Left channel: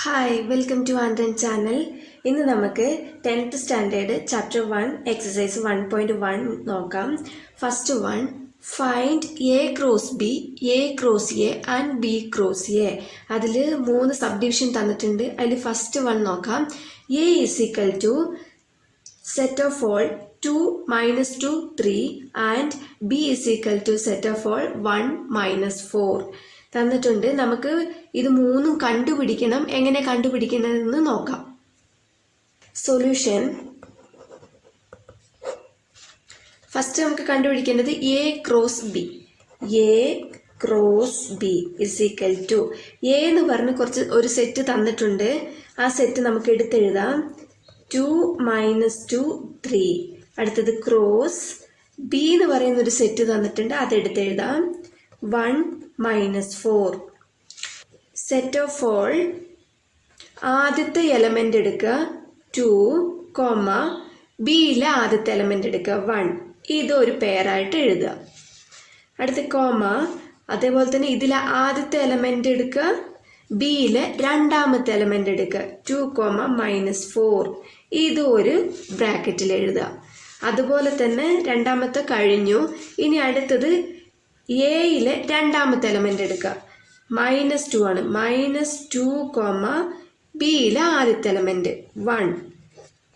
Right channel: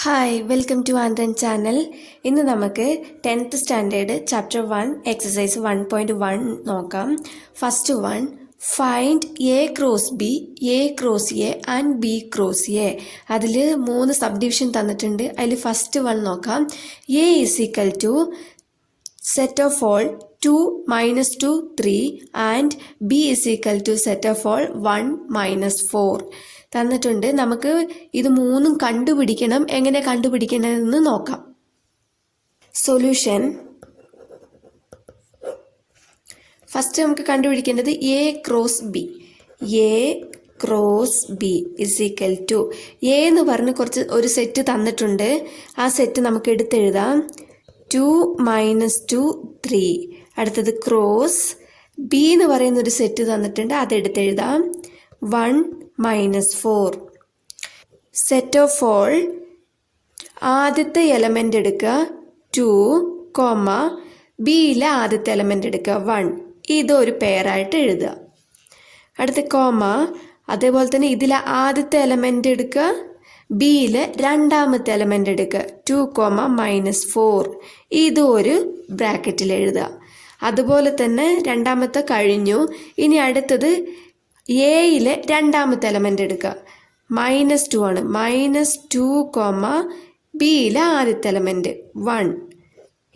Hi welcome to ആൻഡ്രൻ channel. ഇന്ന് നമുക്ക് 10th സ്റ്റാൻഡേർഡ് ചാപ്റ്റർ 1 എക്സസൈസ് 1.1 നോക്കാം. First one, find A cross B, A cross A and B cross A. അതിൽ 3 sub division തന്നിട്ടുണ്ട്. അതിൽ first one നോക്കാം. A is equal to set of all 2 minus 2 3 and b is equal to set of all 1 minus 4 തന്നിട്ടുണ്ട്. നമുക്ക് ഇത് മൂന്നും കണ്ടുപിടിക്കണം. എങ്ങനെ കണ്ടുപിടിക്കണമെന്ന് നോക്കാം. സൊല്യൂഷൻ ഫസ്റ്റ് നമുക്ക് കണ്ടുപിടിക്കേണ്ടത് A cross B. A cross B is equal to A എന്ന് പറഞ്ഞ് ഒരു സെറ്റ് തന്നിട്ടുണ്ട്. ആ സെറ്റ് നമുക്ക് എടുത്തെഴുതാം. 2 മൈനസ് 2 3. അടുത്തത് ക്രോസ് ബി എന്ന് പറയുന്ന ഒരു സെറ്റ് തന്നിട്ടുണ്ട്. അതെടുത്തെഴുതാം. 1 മൈനസ് 4. സെറ്റ് ഓഫ് ഓൾ ആദ്യത്തെ എലമെൻ്റ് എടുക്കുക 2, ബിയിലെ ആദ്യത്തെ എലമെൻ്റ് എടുക്കുക 1. ഇതൊരു പെയറായിട്ട് എഴുതുക. അടുത്ത അതേപോലെ തന്നെ ഇതിലെ ആദ്യത്തെ എലമെൻ്റ് എടുക്കുക, ബിയിലെ രണ്ടാമത്തെ എലമെൻ്റ് എടുക്കുക 2, മൈനസ് 4. ഇത് ഒരു ബ്രാക്കറ്റിൽ എഴുതുക. അതുപോലെ തന്നെ രണ്ടാമത്തെ കഴിഞ്ഞു. ഇനി അടുത്തത് എയിലെ രണ്ടാമത്തെ എലമെൻ്റ് എടുക്കുക. -2 ആണ്. -2, ബിയിലെ ആദ്യത്തെ എലമെൻ്റ് 1.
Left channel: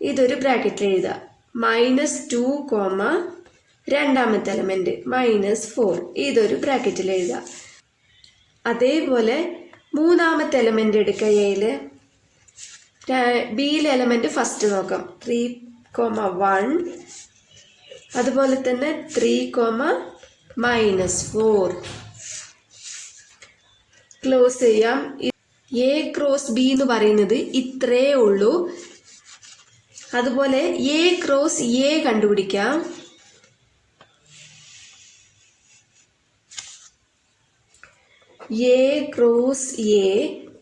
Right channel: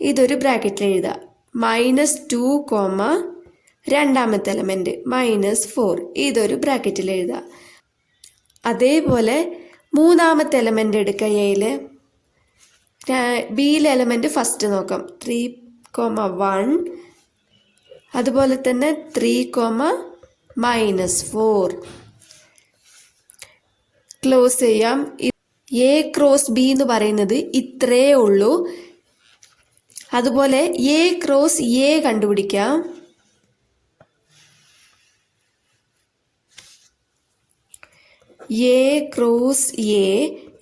ഇതൊരു ബ്രാക്കറ്റിൽ എഴുതുക. -2, രണ്ടാമത്തെ എലമെൻ്റ് -4. ഇതൊരു ബ്രാക്കറ്റിൽ എഴുതുക. അതേപോലെ മൂന്നാമത്തെ എലമെൻ്റ് എടുക്കുക. എയിൽ ബിയിലെ എലമെൻ്റ് ഫസ്റ്റ് നോക്കാം. 3, 1. അതുപോലെ തന്നെ 3, -4. ക്ലോസ് ചെയ്യാം. എ ക്രോസ് ബി എന്ന് പറയുന്നത് ഇത്രയേ ഉള്ളൂ. അതുപോലെ എ ക്രോസ് എ കണ്ടുപിടിക്കാം. A cross A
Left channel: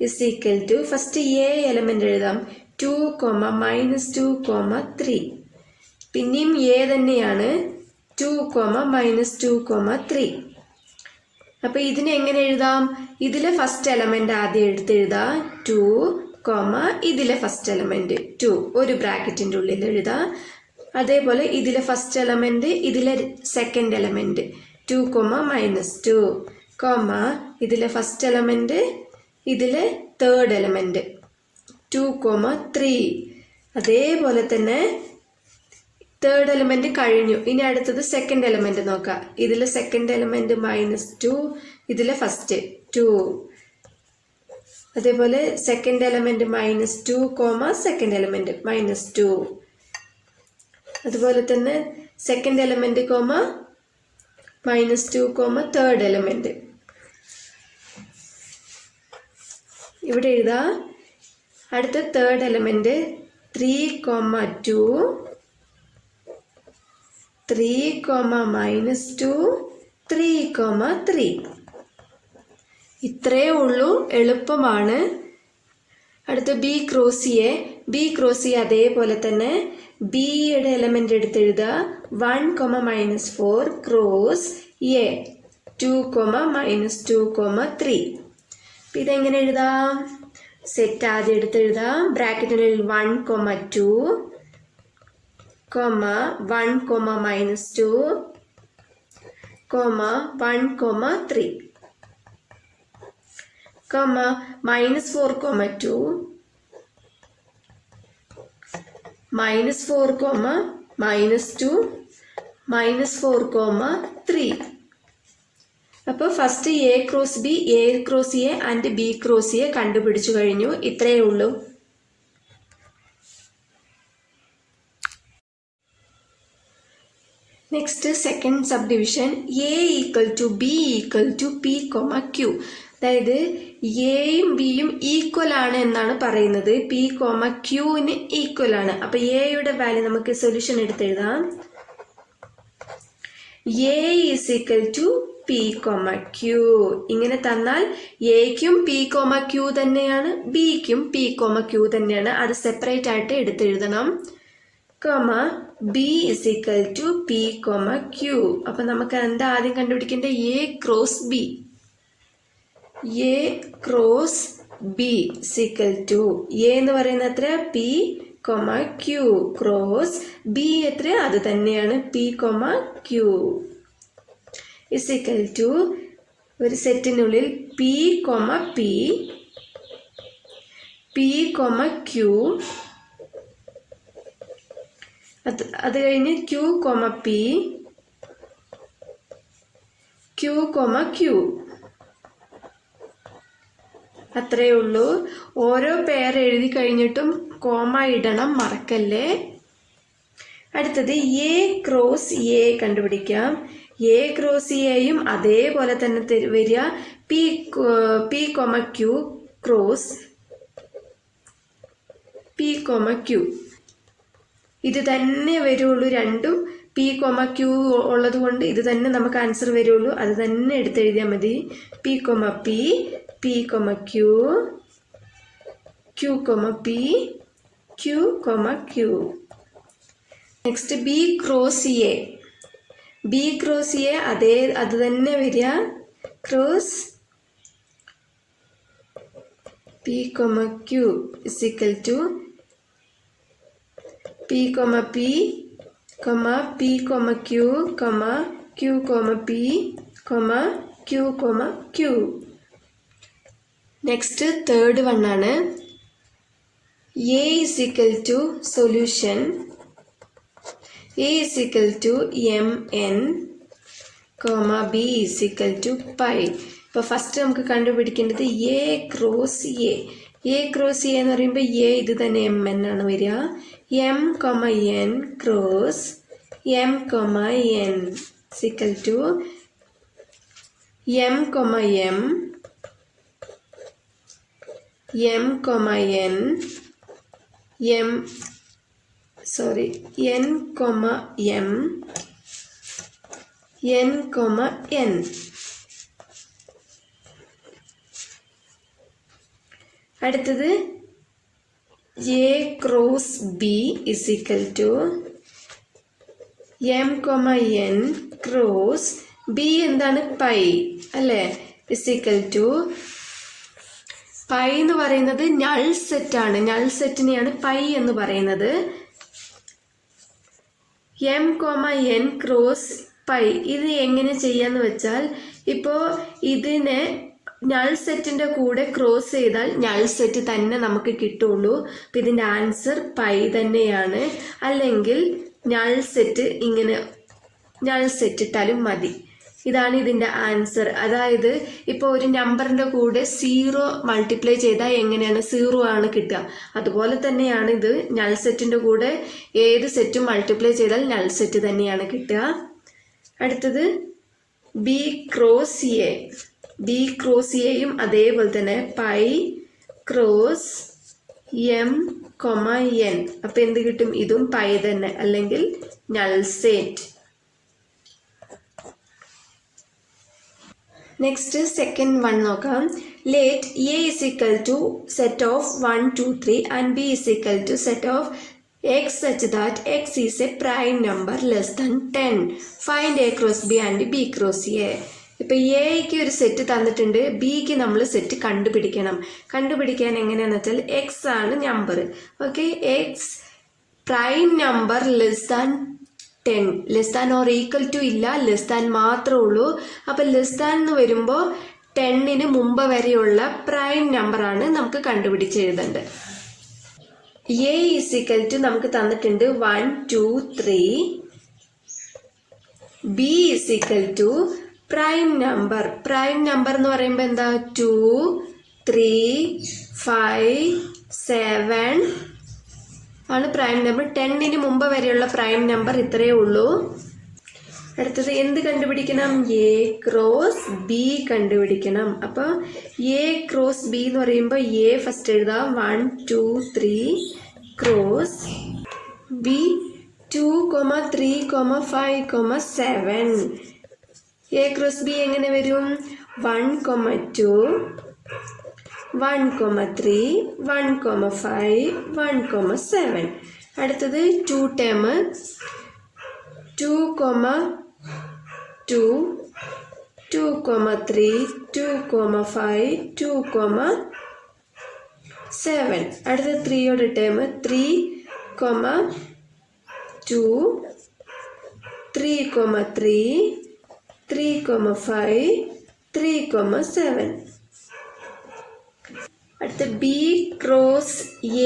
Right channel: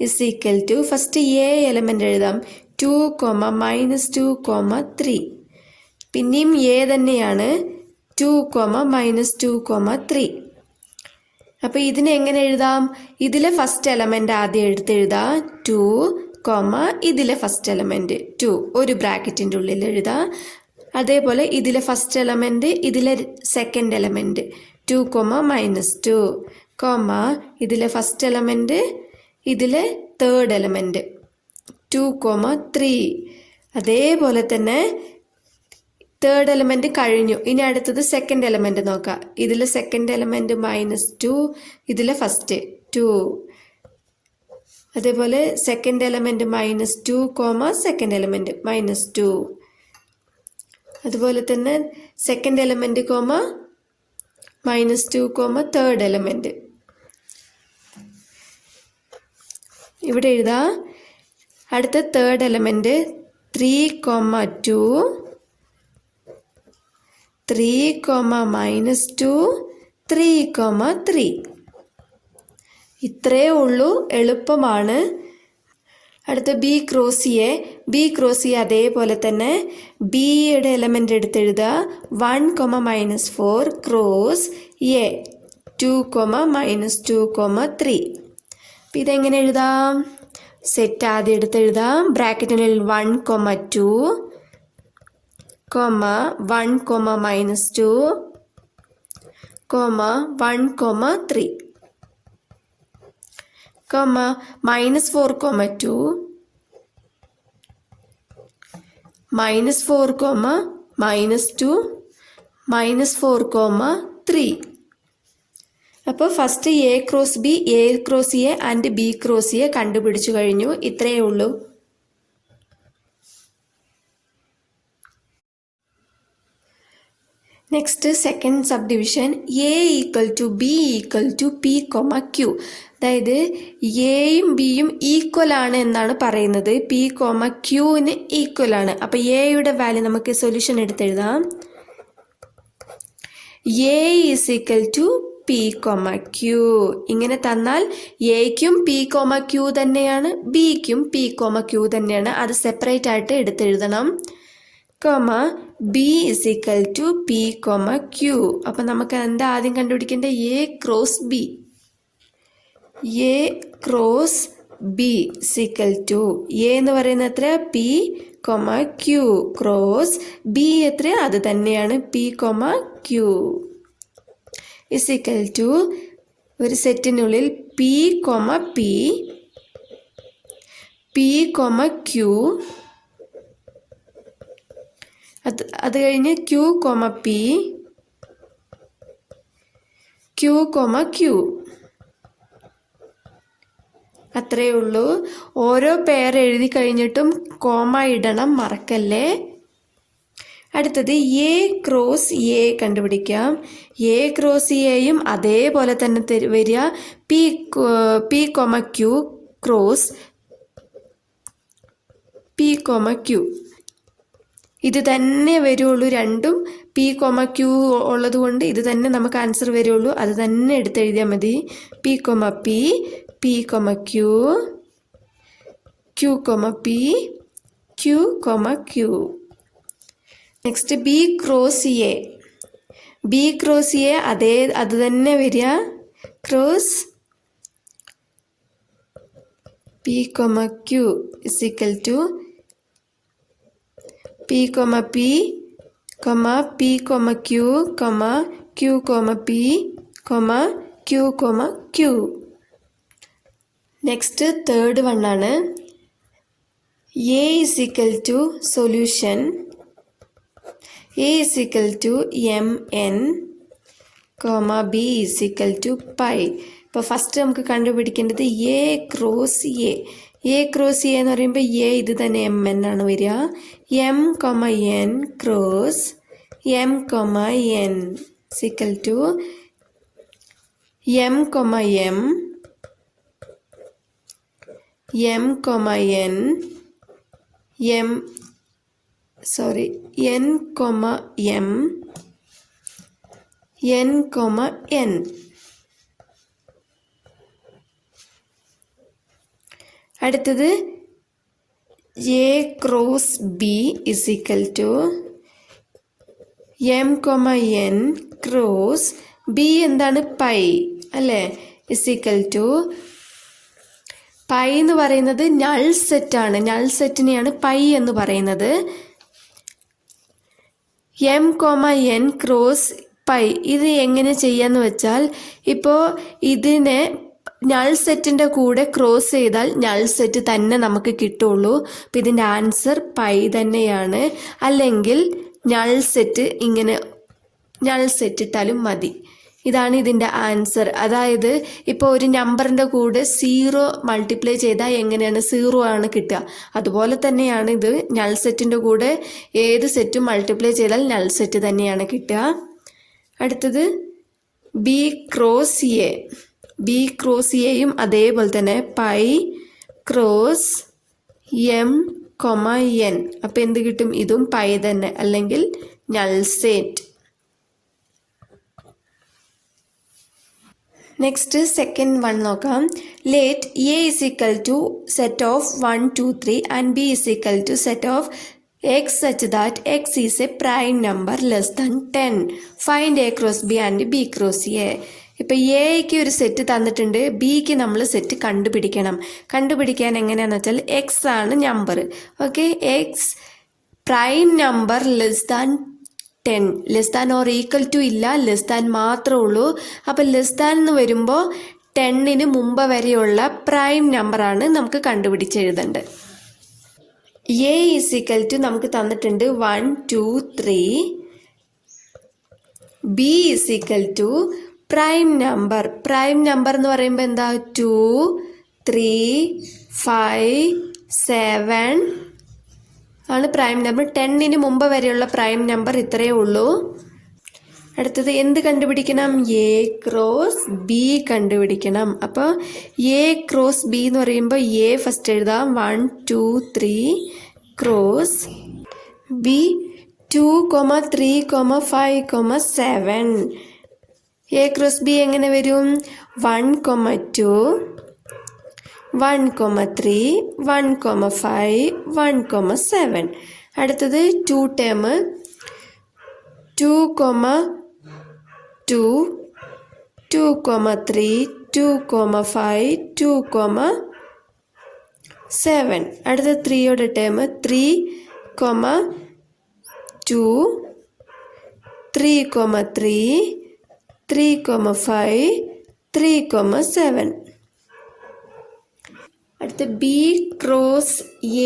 is equal to first A element എഴുതാം. 2, -2, 3. പിന്നെയും എ തന്നെയാണ്. 2, -2, 3. അപ്പോൾ ഇതിനെ എങ്ങനെ എഴുതാം? ഇതിലെ ഫസ്റ്റ് എലമെൻ്റ് ആദ്യം എടുത്തെഴുതാം. 2, ഇതിലെ ഫസ്റ്റ് എലമെൻ്റ് 2 ഒരു ബ്രാക്കറ്റിൻ്റെ ഉള്ളിൽ എഴുതാം. അതേപോലെ ഇതിലെ ഫസ്റ്റ് എലമെൻ്റ് ഇതിലെ സെക്കൻഡ് എലമെൻ്റ് 2, -2, ഇതിലെ ഫസ്റ്റ് എലമെൻ്റ് ഇതിലെ തേർഡ് എലമെൻ്റ് 2, 3. അതേപോലെ തന്നെ തേർഡ് എലമെൻ്റ് കഴിഞ്ഞു. ഇനി അടുത്തത് സെക്കൻഡ് എലമെൻ്റ് നോക്കാം. ഇതിലെ സെക്കൻഡ് എലമെൻ്റ് -2, ഇതിലെ ഫസ്റ്റ് 2. അതേപോലെ സെക്കൻഡ് എലമെൻ്റ് -2, സെക്കൻഡ് എലമെൻ്റ് -2. അതുപോലെ തന്നെ സെക്കൻഡ് എലമെൻ്റ് -2, തേർഡ് എലമെൻ്റ് ഇവിടെ എഴുതാം. അടുത്ത തേർഡ് എലമെൻ്റ് 3, 2, 3, -2, 3, 3. ഇത്രയേ ഉള്ളൂ. എളുപ്പമാണ്. അടുത്ത B cross A. B cross A അതേപോലെ തന്നെ ബിയുടെ എലമെൻ്റ് എടുത്തെഴുതുക. 1, -4 cross A 2, -2, 3. അപ്പം ഇതെങ്ങനെ എഴുതാം? സെറ്റ് ആദ്യം എടുത്തെഴുതാം. ബ്രാക്കറ്റിനുള്ളിൽ 1, 2, 1, -2, 1, 3, -4, 2, -4, -2, -4, 3. അപ്പോൾ first A cross B, A cross A and B cross A കണ്ടുപിടിച്ചു കഴിഞ്ഞു. ഇത്രയേ ഉള്ളൂ. Next second sub division. A equal to B equal to P, Q. അതായത് എയും ബിയും ഈക്വൽ ആണ് എന്നാണ് പറയുന്നത്. പി, ക്യൂവിന് ഈക്വൽ ആണ്. അപ്പോൾ എയുടെ വാല്യൂ നമുക്ക് സൊല്യൂഷൻ എടുത്തെഴുതാം. A is equal to P, Q. ഇങ്ങനെ തന്നാൽ എക്കും പി, ക്യൂ തന്നെയാണ്, ബിക്കും പി, ക്യൂ തന്നെയാണ്. അത് സെപ്പറേറ്റ് ആയിട്ട് എടുത്തെഴുതണം. B is equal to P, Q. അപ്പം നമുക്ക് എന്താ ആദ്യം കണ്ടുപിടിക്കേണ്ടത്? A cross B. A cross B is equal to A എന്ന് പറയുന്നത് എത്ര P comma Q cross B എത്ര അത് തന്നെയാണ് P comma Q is equal to ഒരു സെറ്റിനുള്ളിൽ P comma P P comma Q അത് കഴിഞ്ഞ് Q comma P Q comma Q അത്രയേ ഉള്ളൂ. ഓരോ പെയർ എഴുതി കഴിഞ്ഞിട്ടും കോമ ഇടണം, മറക്കല്ലേ. അടുത്തത് എ ക്രോസ് എ കണ്ടുപിടിക്കാം. എ ക്രോസ് എയും അതേപോലെ തന്നെ വരിക P comma Q cross P comma Q. ഇത് തന്നെ വരുള്ളൂ, രണ്ടും പി കൊമ ക്യൂ ഉള്ളത് കൊണ്ട് ഇത് തന്നെ നമുക്ക് ആൻസർ വരുള്ളൂ. അത് തന്നെ എടുത്തെഴുതിയാൽ മതി. P comma P P comma Q Q comma P Q comma Q. Next B cross A. B cross A അത് തന്നെ വരിക cross P comma Q is equal to P comma P P comma Q Q comma P Q comma Q. Next third one ആണ്. A is equal to solution A is equal to M N B is equal to pi. ഇപ്പോൾ first നമുക്ക് കണ്ടുപിടിക്കേണ്ടത് A cross A. A cross A എന്ന് പറയുമ്പോൾ A ഇത് തന്നെ M N ആണ് വരിക. M comma N cross M comma N is equal to M comma M M comma N N comma M N comma N. അടുത്തത് A cross B is equal to M comma N cross B എന്താണ് pi അല്ലേ is equal to pi എന്ന് പറയുന്നത് null സെറ്റാണ്. Null സെറ്റിനെയാണ് pi എന്ന് പറയുന്നത്. M comma N cross pi ഇത് എങ്ങനെ ചെയ്യാന്ന് വെച്ചാൽ ഇപ്പോൾ ഇതിനെ നൾ സെറ്റിൻ്റെ കൂടെ ക്രോസ് ചെയ്താൽ നൾ സെറ്റ് തന്നെ നമുക്ക് കിട്ടുള്ളൂ. അപ്പം ഇതിൻ്റെ ആൻസർ പൈ തന്നെയാണ്. അല്ലെങ്കിൽ നൾ സെറ്റ് ഇങ്ങനെ നൾ സെറ്റ് ഇട്ടാലും മതി. ഇതാണ് ഇതിൻ്റെ ആൻസർ. അതായത് ഇപ്പോൾ ഒരു നമ്പറിൻ്റെ കൂടെ 0 മൾട്ടിപ്ലൈ ചെയ്താൽ എങ്ങനെയാണ് 0 ആണ് കിട്ടുക. അതുപോലെ തന്നെയാണ് ഇത് നൾ സെറ്റിൻ്റെ കൂടെ ഏത് സെറ്റും മൾട്ടിപ്ലൈ ചെയ്താൽ നൾ സെറ്റ് തന്നെയാണ് കിട്ടുക. അടുത്തത് B cross A. B cross എയും അതേപോലെ തന്നെ pi cross M comma N. അപ്പം എന്ത് കിട്ടും? ഇതും പൈ തന്നെ അല്ലെങ്കിൽ null set. Next second one നോക്കാം. Let A is equal to set of 1 2 3 and B is equal to set of X such that X is a prime number less than 10. Find A cross B and B cross A. ഇപ്പോൾ എക്ക് ഒരു set തന്നിട്ടുണ്ട്, ബിക്ക് നമ്മൾ set കണ്ടുപിടിക്കണം. കണ്ടുപിടിക്കാൻ എങ്ങനെയാണെന്ന് വെച്ചാൽ എക്സ് ആണ് number. Okay, x prime number less than 10. Less than or equal to ഇല്ല, ലെസ് ദാൻ മാത്രമേ ഉള്ളൂ. അപ്പോൾ ലെസ് ദാൻ എന്ന് വരുമ്പോൾ 10ന് മുമ്പ് വരെയുള്ള പ്രൈം നമ്പറാണ് നമുക്ക് കണ്ടുപിടിച്ചെഴുതേണ്ടത്. എ ഈസ് ഈക്വൽ ടു നമുക്ക് തന്നിട്ടുണ്ട് 1 2 3. B is equal to prime number. Prime number എന്ന് പറയുമ്പോൾ എന്താ? 2 3 5 7 ആണ് പ്രൈം നമ്പർ. 10ന് മുമ്പ് വരെയുള്ള പ്രൈം നമ്പർ ഇത്രയേ ഉള്ളൂ. അടുത്തത് എന്ത് കണ്ടുപിടിക്കണം? എ ക്രോസ് ബി കണ്ടുപിടിക്കണം. അപ്പോൾ എ ക്രോസ് ബി എന്ന് പറയുമ്പോൾ എ ഫസ്റ്റ് എഴുതാം. 1 2 3 cross B 2 3 5 7. A cross B എങ്ങനെ വരും? 1 2 1 3 1 5 1 7. അടുത്തത് 2 ടേം 2 2 2 3 2 5 2 7. അടുത്ത 3യുടെ ടേം 3, 2, 3, 3, 3, 5, 3, 7. അടുത്ത ബി ക്രോസ്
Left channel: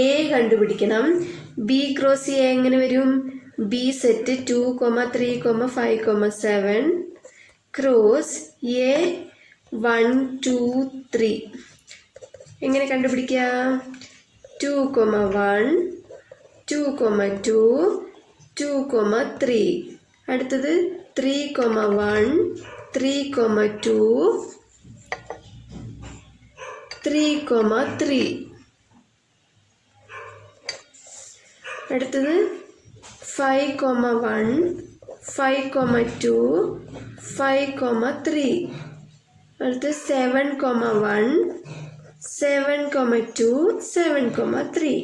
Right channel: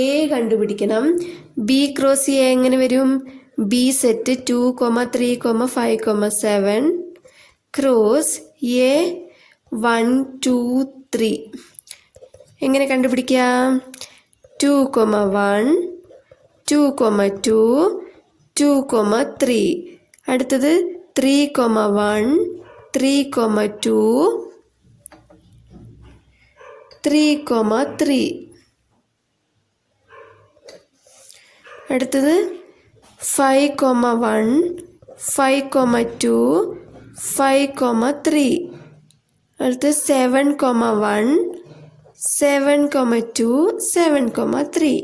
എ കണ്ടുപിടിക്കണം. ബി ക്രോസ് എ എങ്ങനെ വരും? B set 2, 3, 5, 7 cross A 1, 2, 3. എങ്ങനെ കണ്ടുപിടിക്കാം? 2, 1, 2, 2, 2, 3. അടുത്തത് 3, 1, 3, 2, 3, 3. അടുത്തത് 5, 1, 5, 2, 5, 3. അടുത്തത് 7, 1, 7, 2, 7, 3.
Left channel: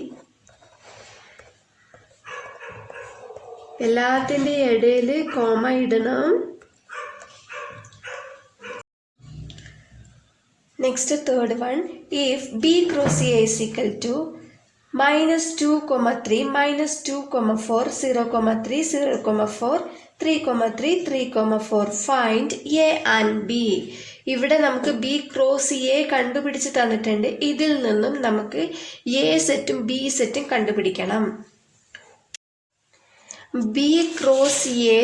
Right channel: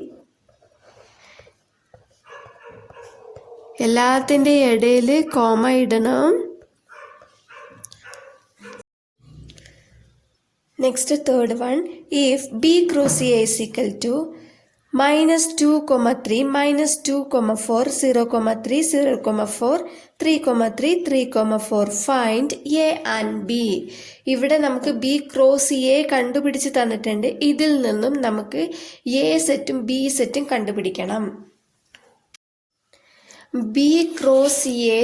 എല്ലാത്തിൻ്റെ ഇടയിൽ കോമ ഇടണം. Next third one. If B cross A is equal to -2, 3, -2, 4, 0, 3, 0, 4, 3, 3, 3, 4. Find A and B. ഇവിടെ നമുക്ക് ബി ക്രോസ് എ കണ്ടുപിടിച്ച് തന്നിട്ടുണ്ട്. ഇതിൽ നിന്നും നമുക്ക് എ സെറ്റും ബി സെറ്റും കണ്ടുപിടിക്കണം. ബി ക്രോസ് എ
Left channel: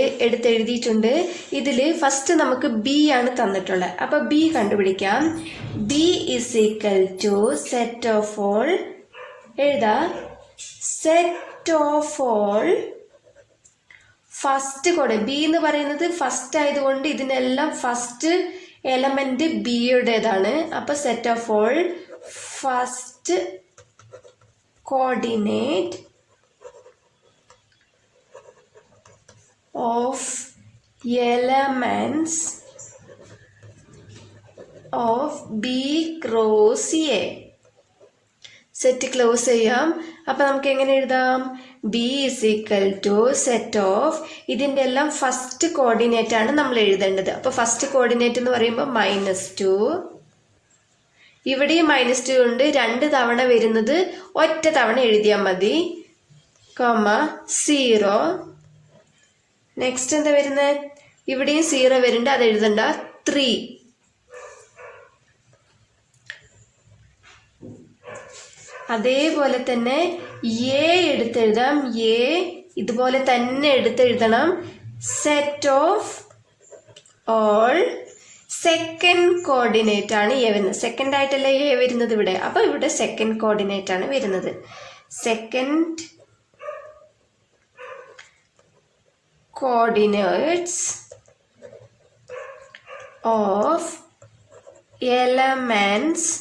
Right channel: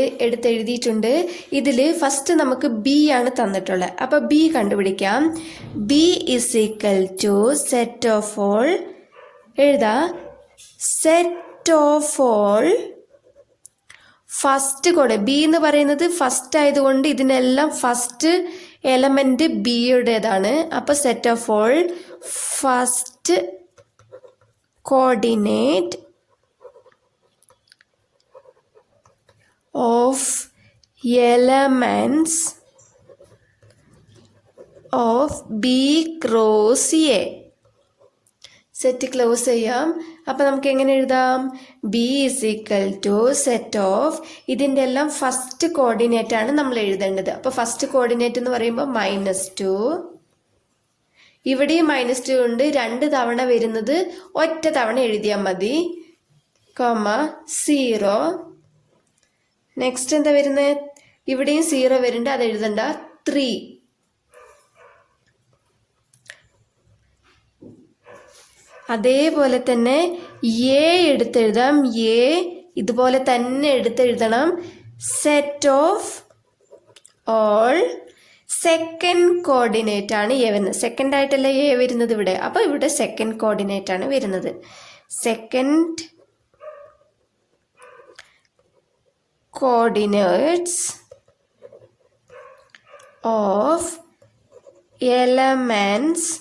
എഴുതിയിട്ടുണ്ട്. ഇതിൽ ഫസ്റ്റ് നമുക്ക് ബി ആണ് തന്നിട്ടുള്ളത്. അപ്പോൾ ബി കണ്ടുപിടിക്കാം. B is equal to set of all. Set of all first code. B എന്ന് പറയുന്നത് ഫസ്റ്റ് ആയതുകൊണ്ട് ഇതിനെല്ലാം ഫസ്റ്റ് എലമെന്റ് ബിയുടേതാണ്. അപ്പൊ set of all first coordinate of elements of B cross A. Set close ചെയ്യാം. അപ്പം നമുക്ക് എങ്ങനെ എഴുതാം? B is equal to set of, ഇതിൻ്റെ എല്ലാം ഫസ്റ്റ് കോർഡിനേറ്റ് ആണ് നമ്മൾ എഴുതേണ്ടത്. അപ്പോൾ ഫസ്റ്റ് കോർഡിനേറ്റ് എന്ന് പറയുമ്പോൾ -2. ഇവിടെയും -2 ഉണ്ട്. 2 തവണ വരുന്നത് ഒറ്റ തവണ എഴുതിയാൽ മതി. 0. നെക്സ്റ്റ് എന്താ വരുന്നത്? ഇവിടെയും 0 വരുന്നുണ്ട്, അത് എഴുതണ്ട. 3. അതേപോലെ തന്നെ എ എടുത്തെഴുതാം. എ ഇതുപോലെ തന്നെ എടുത്തെഴുതണം. Set of all second coordinate ആണ് എ വരുന്നത്. സെക്കൻഡ് ആയിട്ടല്ല എ വരുന്നത് ഇവിടെ. അപ്പോൾ ഇവിടെ സെക്കൻഡ് കോർഡിനേറ്റ് ആണ് വരുന്നത്. Second coordinates of elements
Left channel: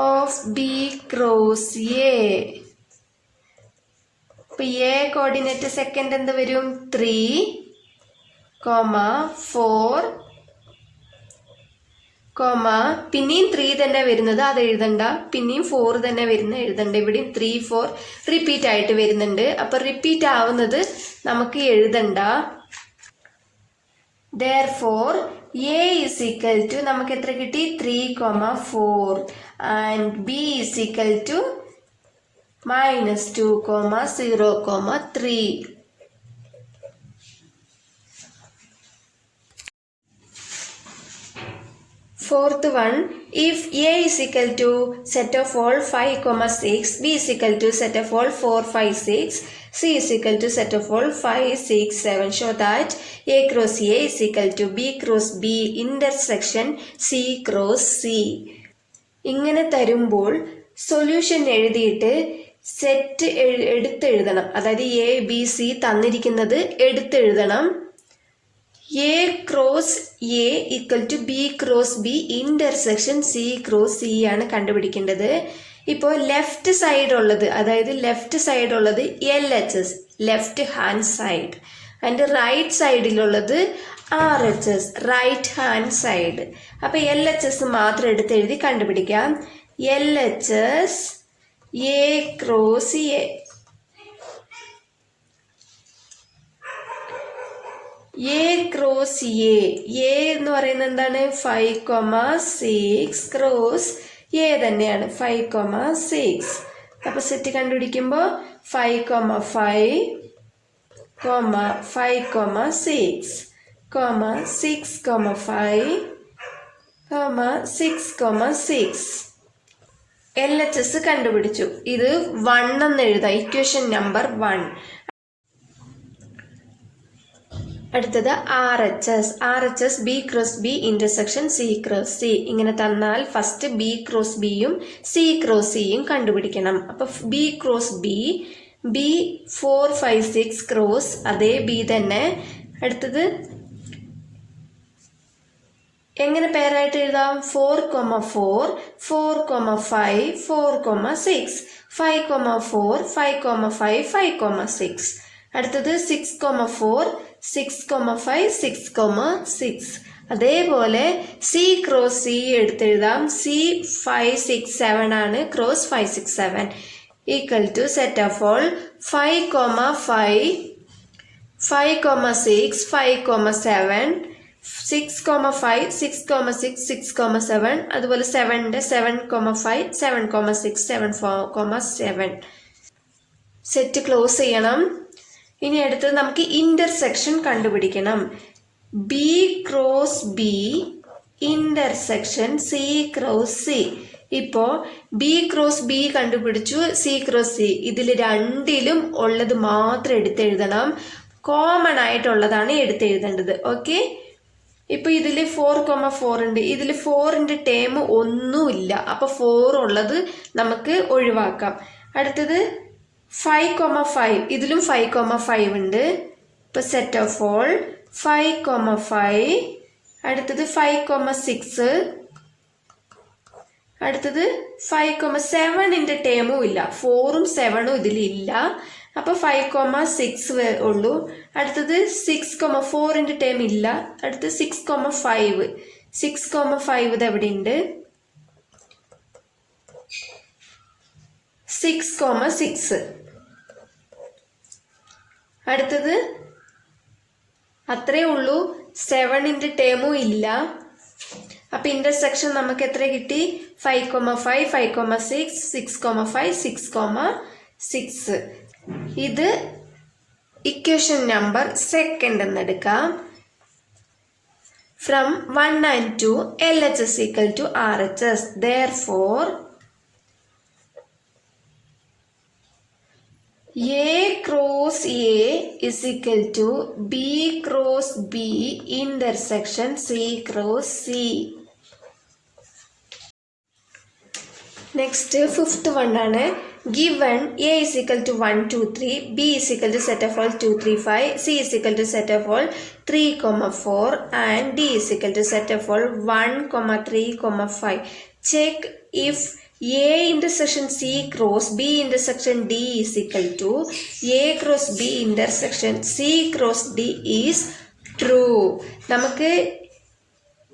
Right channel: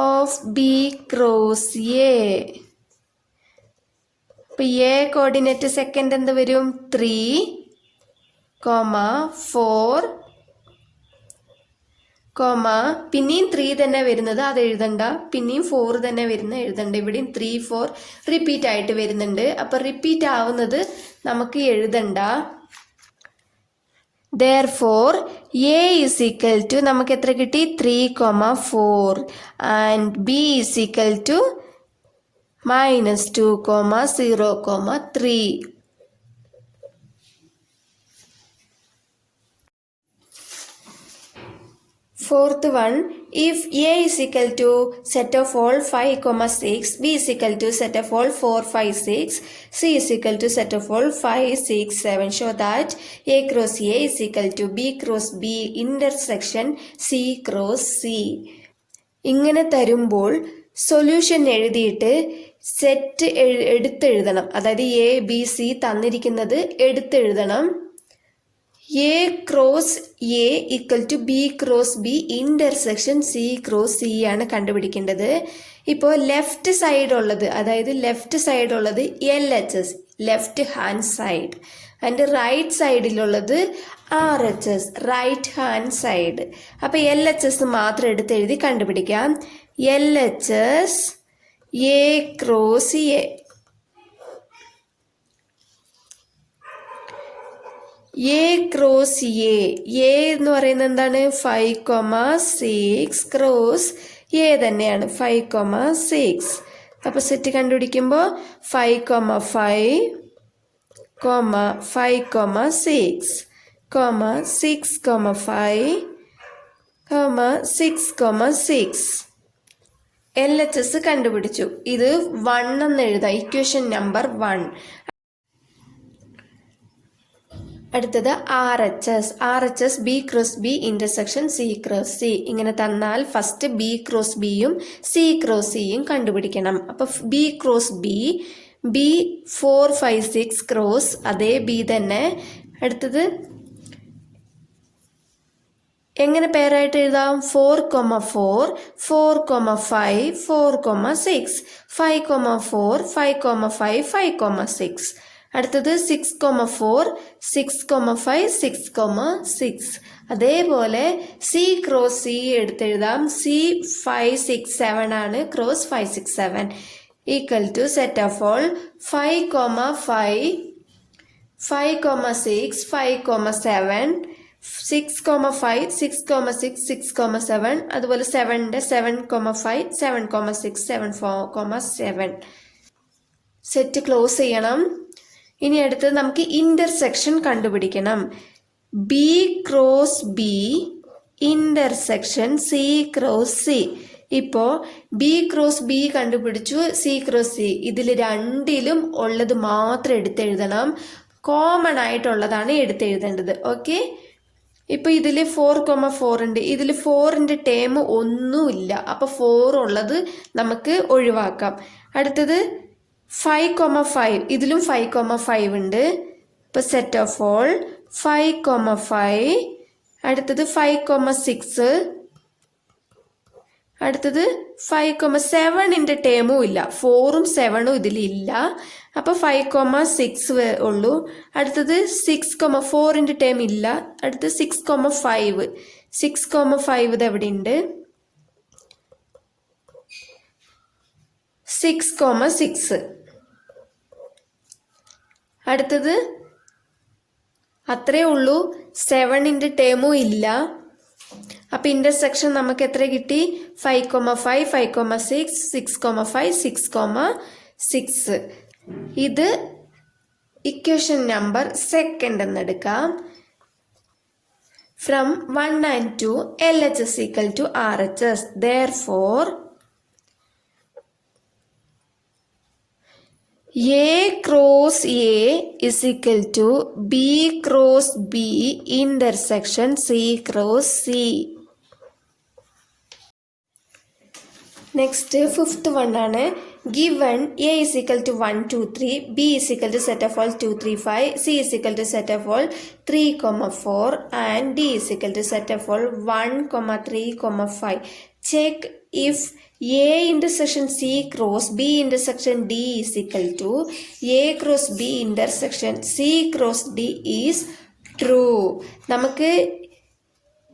of B cross A. അപ്പൊ എ കോർഡിനേറ്റ് സെക്കൻഡ് എന്ത് വരും? 3, 4, പിന്നെയും 3 തന്നെ വരുന്നത്, അത് എഴുതണ്ട. പിന്നെയും 4 തന്നെ എഴുതണ്ട. ഇവിടെയും 3, 4 റിപ്പീറ്റ് ആയിട്ട് വരുന്നുണ്ട്. അപ്പൊ റിപ്പീറ്റ് ആവുന്നത് നമുക്ക് എഴുതണ്ട. Therefore, A is equal to നമുക്ക് എത്ര കിട്ടി? 3, 4 and B is equal to -2, 0, 3. Fourth one, if A is equal to set of all 5, 6, B is equal to set of all 4, 5, 6, C is equal to set of all 5, 6, 7. Show that A cross A is equal to B cross B intersection C cross C. ഇങ്ങനെ തരുമ്പോൾ solution എഴുതിയിട്ട് set എടുത്തെഴുതണം. അതായത് A B C തന്നിരിക്കുന്നത് എടുത്തെഴുതണം. A cross A equal to B cross B intersection C cross C ആണ് കണ്ടുപിടിക്കേണ്ടത്. ഇപ്പോൾ left side ഉള്ളത്, അതായത് ലെഫ്റ്റ് സൈഡ് ഉള്ളത് LHS, ലെഫ്റ്റ് ഹാൻഡ് സൈഡ്. അതിൻ്റെ റൈറ്റ് സൈഡിലുള്ളത് RHS, റൈറ്റ് ഹാൻഡ് സൈഡ്. അപ്പോൾ LHS മാത്രം എടുത്ത് എഴുതി കണ്ടുപിടിക്കാം. LHS A cross A. A cross A എന്ന് പറയുന്നത് എന്താണ്? 5, 6 ക്രോസ് എ തന്നെയാണ് 5,6. അപ്പോൾ സെറ്റ് കണ്ടുപിടിക്കുമ്പോൾ 5,5, 5,6, 6,5, 6,6. LHS കണ്ടുപിടിച്ചു. ഇത് 1 എന്ന് എഴുതാം, ഇക്വേഷൻ നമ്പർ 1. അടുത്തത് RHS B cross B intersection C cross C. ഇങ്ങനെ തന്നാൽ ഫസ്റ്റ് B ക്രോസ് Bയും C ക്രോസ് Cയും കണ്ടുപിടിക്കണം. അപ്പൊ B ക്രോസ് B 4, 5, 6 ക്രോസ് അതേ B തന്നെ. അടുത്തത് എങ്ങനെ പേരായിട്ട് എഴുതാം? 4,4, 4,5, 4,6, 5,4, 5,5, 5,6. അടുത്തത് 6,4, 6,5, 6,6. അതേപോലെ C ക്രോസ് C എടുത്തെഴുതാം. C 5, 6, 7 ആണ്. Cross 5, 6, 7 equal to set of all 5,5, 5,6, 5,7, 6,5, 6,6, 6,7. അതുപോലെ 7ന്റെ 7,5, 7,6, 7,7. സെറ്റ് ക്ലോസ് ചെയ്യണം. ഇനി അടുത്തത് നമുക്ക് ഇന്റർസെക്ഷൻ കണ്ടുപിടിക്കണം. B cross B intersection C cross C. ഇപ്പോ B ക്രോസ് B കണ്ടുപിടിച്ചു, C ക്രോസ് C. ഇതിൽ രണ്ടിലും ഉള്ളത് മാത്രം എടുത്തെഴുതണം. കോമൺ ആയിട്ടുള്ളതാണ് എടുത്തെഴുതേണ്ടത്. ഓക്കെ, ഇപ്പൊ ഇതില് 4,4 ഉണ്ട്. ഇതിൽ 4ന്റെ ടേം ഒന്നുമില്ല. അപ്പൊ 4 ഉള്ളത് നമുക്ക് ഒഴിവാക്കാം. അടുത്തത് 5,5. ഇതിലും 5,5 ഉണ്ട്. ഇപ്പൊ സെറ്റ് ഓഫ് ഓൾ 5,5. അടുത്തത് 5,6. അടുത്തത് 5,7ന്റെ ടേമും ഇല്ല. 4ഉം 7ഉം ഇതിലില്ല. അപ്പൊ 5,6 ഉള്ളൂ. അടുത്തത് 6,4ന്റെ ടേം ഇല്ല. അടുത്ത് 6,5. 6,5 ഇത് എവിടെ ഉണ്ട്? 6,6. അടുത്തത് അത്രേ ഉള്ളൂ. 7ന്റെ ടേമും ഇല്ല. അപ്പൊ ഇന്റർസെക്ഷൻ നമുക്ക് എത്ര കിട്ടി? 5,5, 5,6, 6,5, 6,6. ഇത് ഇക്വേഷൻ നമ്പർ 2 എന്നെടുക്കാം. From 1 and 2 LHS equal to RHS. Therefore A cross A is equal to B cross B intersection C cross C. Next, 5th one ആണ്. Given A is equal to 1, 2, 3, B is equal to set of all 2, 3, 5, C is equal to set of all 3, 4 and D is equal to set of all 1, 3, 5. Check if A intersection C cross B intersection D is equal to A cross B intersection C cross D is true. നമുക്ക്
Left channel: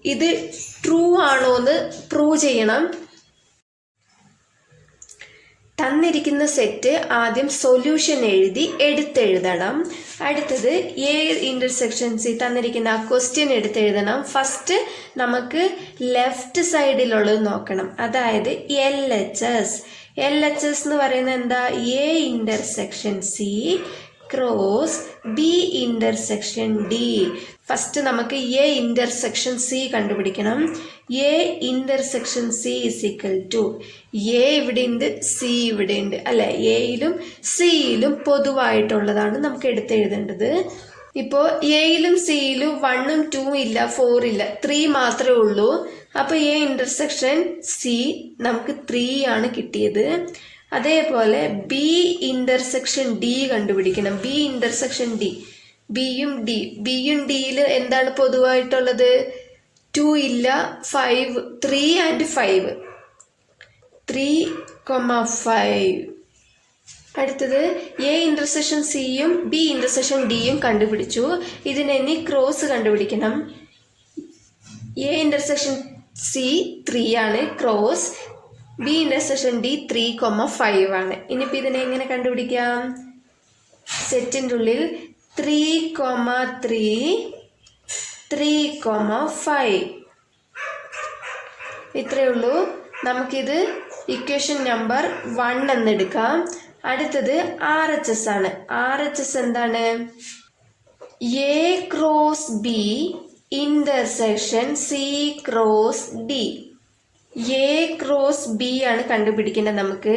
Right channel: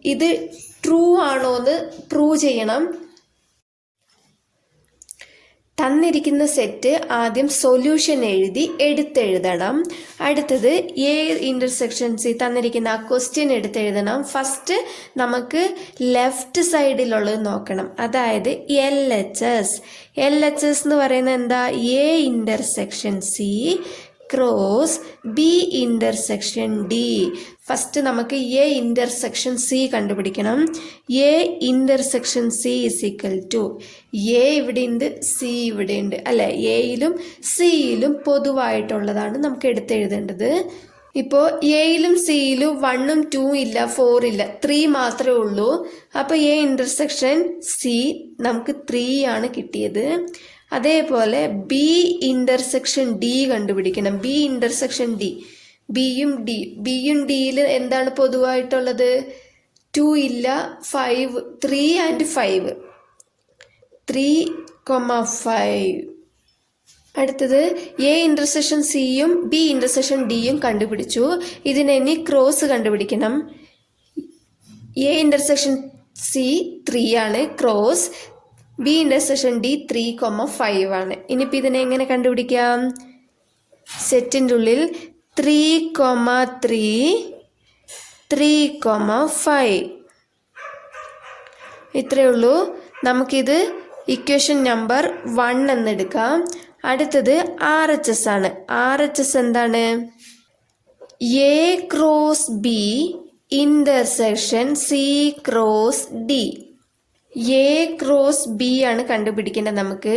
ഇത് true ആണോ എന്ന് prove ചെയ്യണം. തന്നിരിക്കുന്ന set ആദ്യം solution എഴുതി എടുത്തെഴുതണം. അടുത്തത് A intersection C തന്നിരിക്കുന്ന ആ ക്വസ്റ്റ്യൻ എടുത്തെഴുതണം. ഫസ്റ്റ് നമുക്ക് ലെഫ്റ്റ് സൈഡിലുള്ളത് നോക്കണം. അതായത് LHS എന്ന് പറയുന്നത് എന്താ? A intersection C cross B intersection D. First നമുക്ക് എ ഇന്റർസെക്ഷൻ സി കണ്ടുപിടിക്കണം. A intersection C is equal to A ഇവിടെ ഉണ്ട്, സി ഇവിടെ ഉണ്ട് അല്ലെ? എയിലും സിയിലും പൊതുവായിട്ടുള്ളതാണ് നമുക്ക് എടുത്തെഴുതേണ്ടത്. ഇപ്പോൾ എയിലും സിയിലും 1ഉം 2ഉം ഇല്ല, 4 ഇല്ല, 3 മാത്രമേ ഉള്ളൂ. അപ്പൊ എ ഇന്റർസെക്ഷൻ സി നമുക്ക് 3 ആണ് കിട്ടിയത്. അതേപോലെ ബി ഇന്റർസെക്ഷൻ ഡി കണ്ടുപിടിക്കണം. ബി ഇന്റർസെക്ഷൻ ഡി, ബിയും ഡിയിൽ എന്താണ് പൊതുവായിട്ടുള്ളത്? 2 ഇല്ല, 5, 3 and 5, 3,5. അടുത്തത് എ ഇന്റർസെക്ഷൻ സിയും ബി ഇന്റർസെക്ഷൻ ഡിയും കണ്ടുപിടിച്ചു. ഇതിനെ ഇനി ക്രോസ് കണ്ടുപിടിക്കണം. എ ഇന്റർസെക്ഷൻ സി 3 ആണ്, ക്രോസ് ബി ഇന്റർസെക്ഷൻ ഡി 3,5 ആണ്. ഇനിയിപ്പോൾ ഇതിനെ എങ്ങനെ കണ്ടുപിടിക്കാം? സെറ്റിൻ്റെ ഉള്ളിൽ 3,3, 3,5 ഇത്രയേ ഉള്ളൂ. നമുക്കിത് ഇക്വേഷൻ നമ്പർ 1 എന്നെടുക്കാം. അടുത്തത് RHS ആണ്. RHS എന്താണ്? A cross B intersection C cross D. A cross B ആണ് കണ്ടുപിടിക്കേണ്ടത് നമുക്ക്.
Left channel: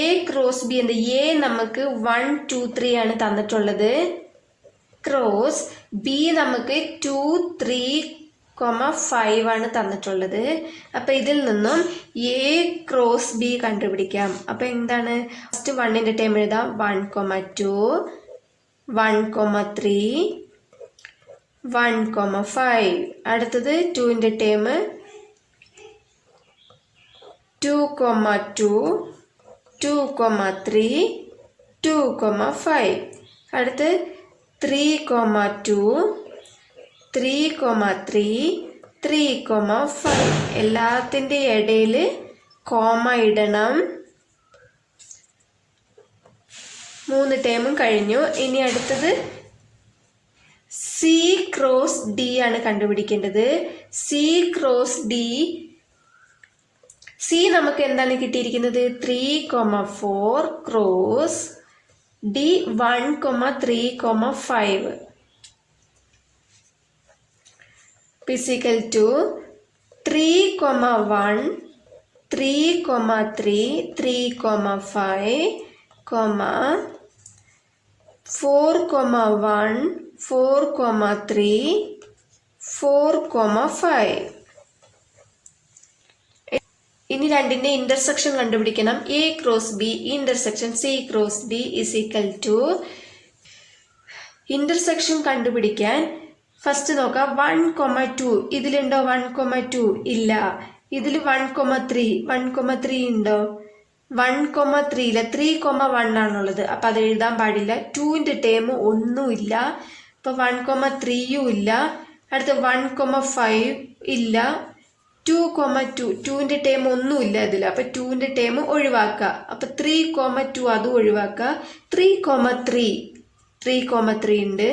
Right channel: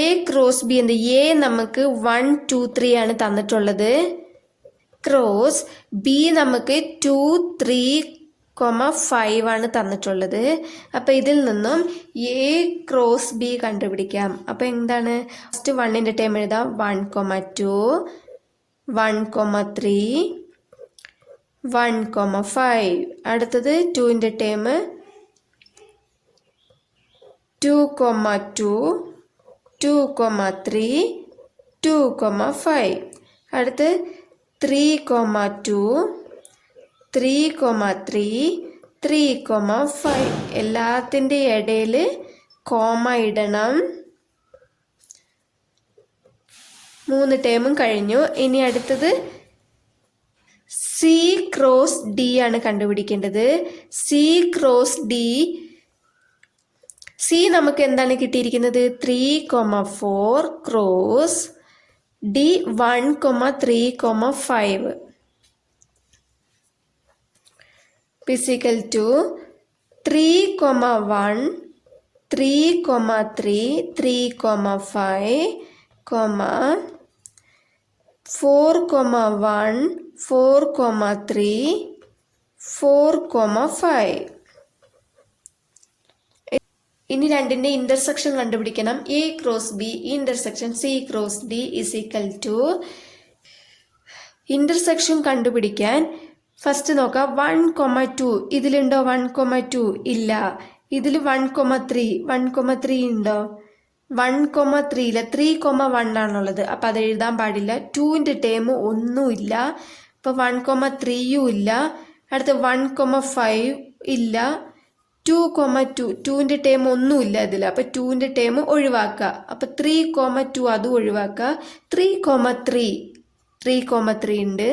A ക്രോസ് B എന്ത്? A നമുക്ക് 1 2 3 ആണ് തന്നിട്ടുള്ളത്. ക്രോസ് B നമുക്ക് 2 3 5 ആണ് തന്നിട്ടുള്ളത്. അപ്പം ഇതിൽ നിന്നും A ക്രോസ് B കണ്ടുപിടിക്കാം. അപ്പം എന്താണ്? ഫസ്റ്റ് 1ന്റെ ടേം എഴുതാം. 1 2 1 3 1 5. അടുത്തത് 2ന്റെ ടേം 2 2 2 3 2 5. അടുത്ത് 3 2 3 3 3 5. എല്ലാത്തിൻ്റെ ഇടയിൽ കോമ ഇടണം. 3 ടേമും കഴിഞ്ഞു. ഇനി അടുത്തത് C ക്രോസ് D ആണ് കണ്ടുപിടിക്കേണ്ടത്. C cross D. C നമുക്ക് എന്താണ് കിട്ടിയിരിക്കുന്നത്? 3 4 ക്രോസ് D 1 3 5 physical to 3 1 3 3 3 5 4 1 4 3 4 5. ഇനി രണ്ടിന്റെ ഇന്റർസെക്ഷൻ കണ്ടുപിടിക്കണം. A cross B intersection C cross D is equal to. Intersection കണ്ടുപിടിക്കാൻ ഫസ്റ്റ് നോക്കാം. 1 2 ഇതിലുണ്ടോ? 1 2 ഇല്ല. ഇതിൽ 1 3 ഉണ്ടോ? 1 3 ഇല്ല. 3 1 ആണുള്ളത്. അപ്പം അത് എഴുതാൻ പാടില്ല. 2ന്റെ ടേം ഒന്നുമില്ല. അപ്പം 1 3 ഇല്ല. അടുത്ത 1 5 ഇല്ല. 2 2ന്റെ ടേം ഒന്നുമില്ല ഇതിൽ. അപ്പം 2ന്റെ ടേം ഒഴിവാക്കുക. അപ്പം 3 2 അതും ഒഴിവാക്കുക. 3 3 ഉണ്ട്.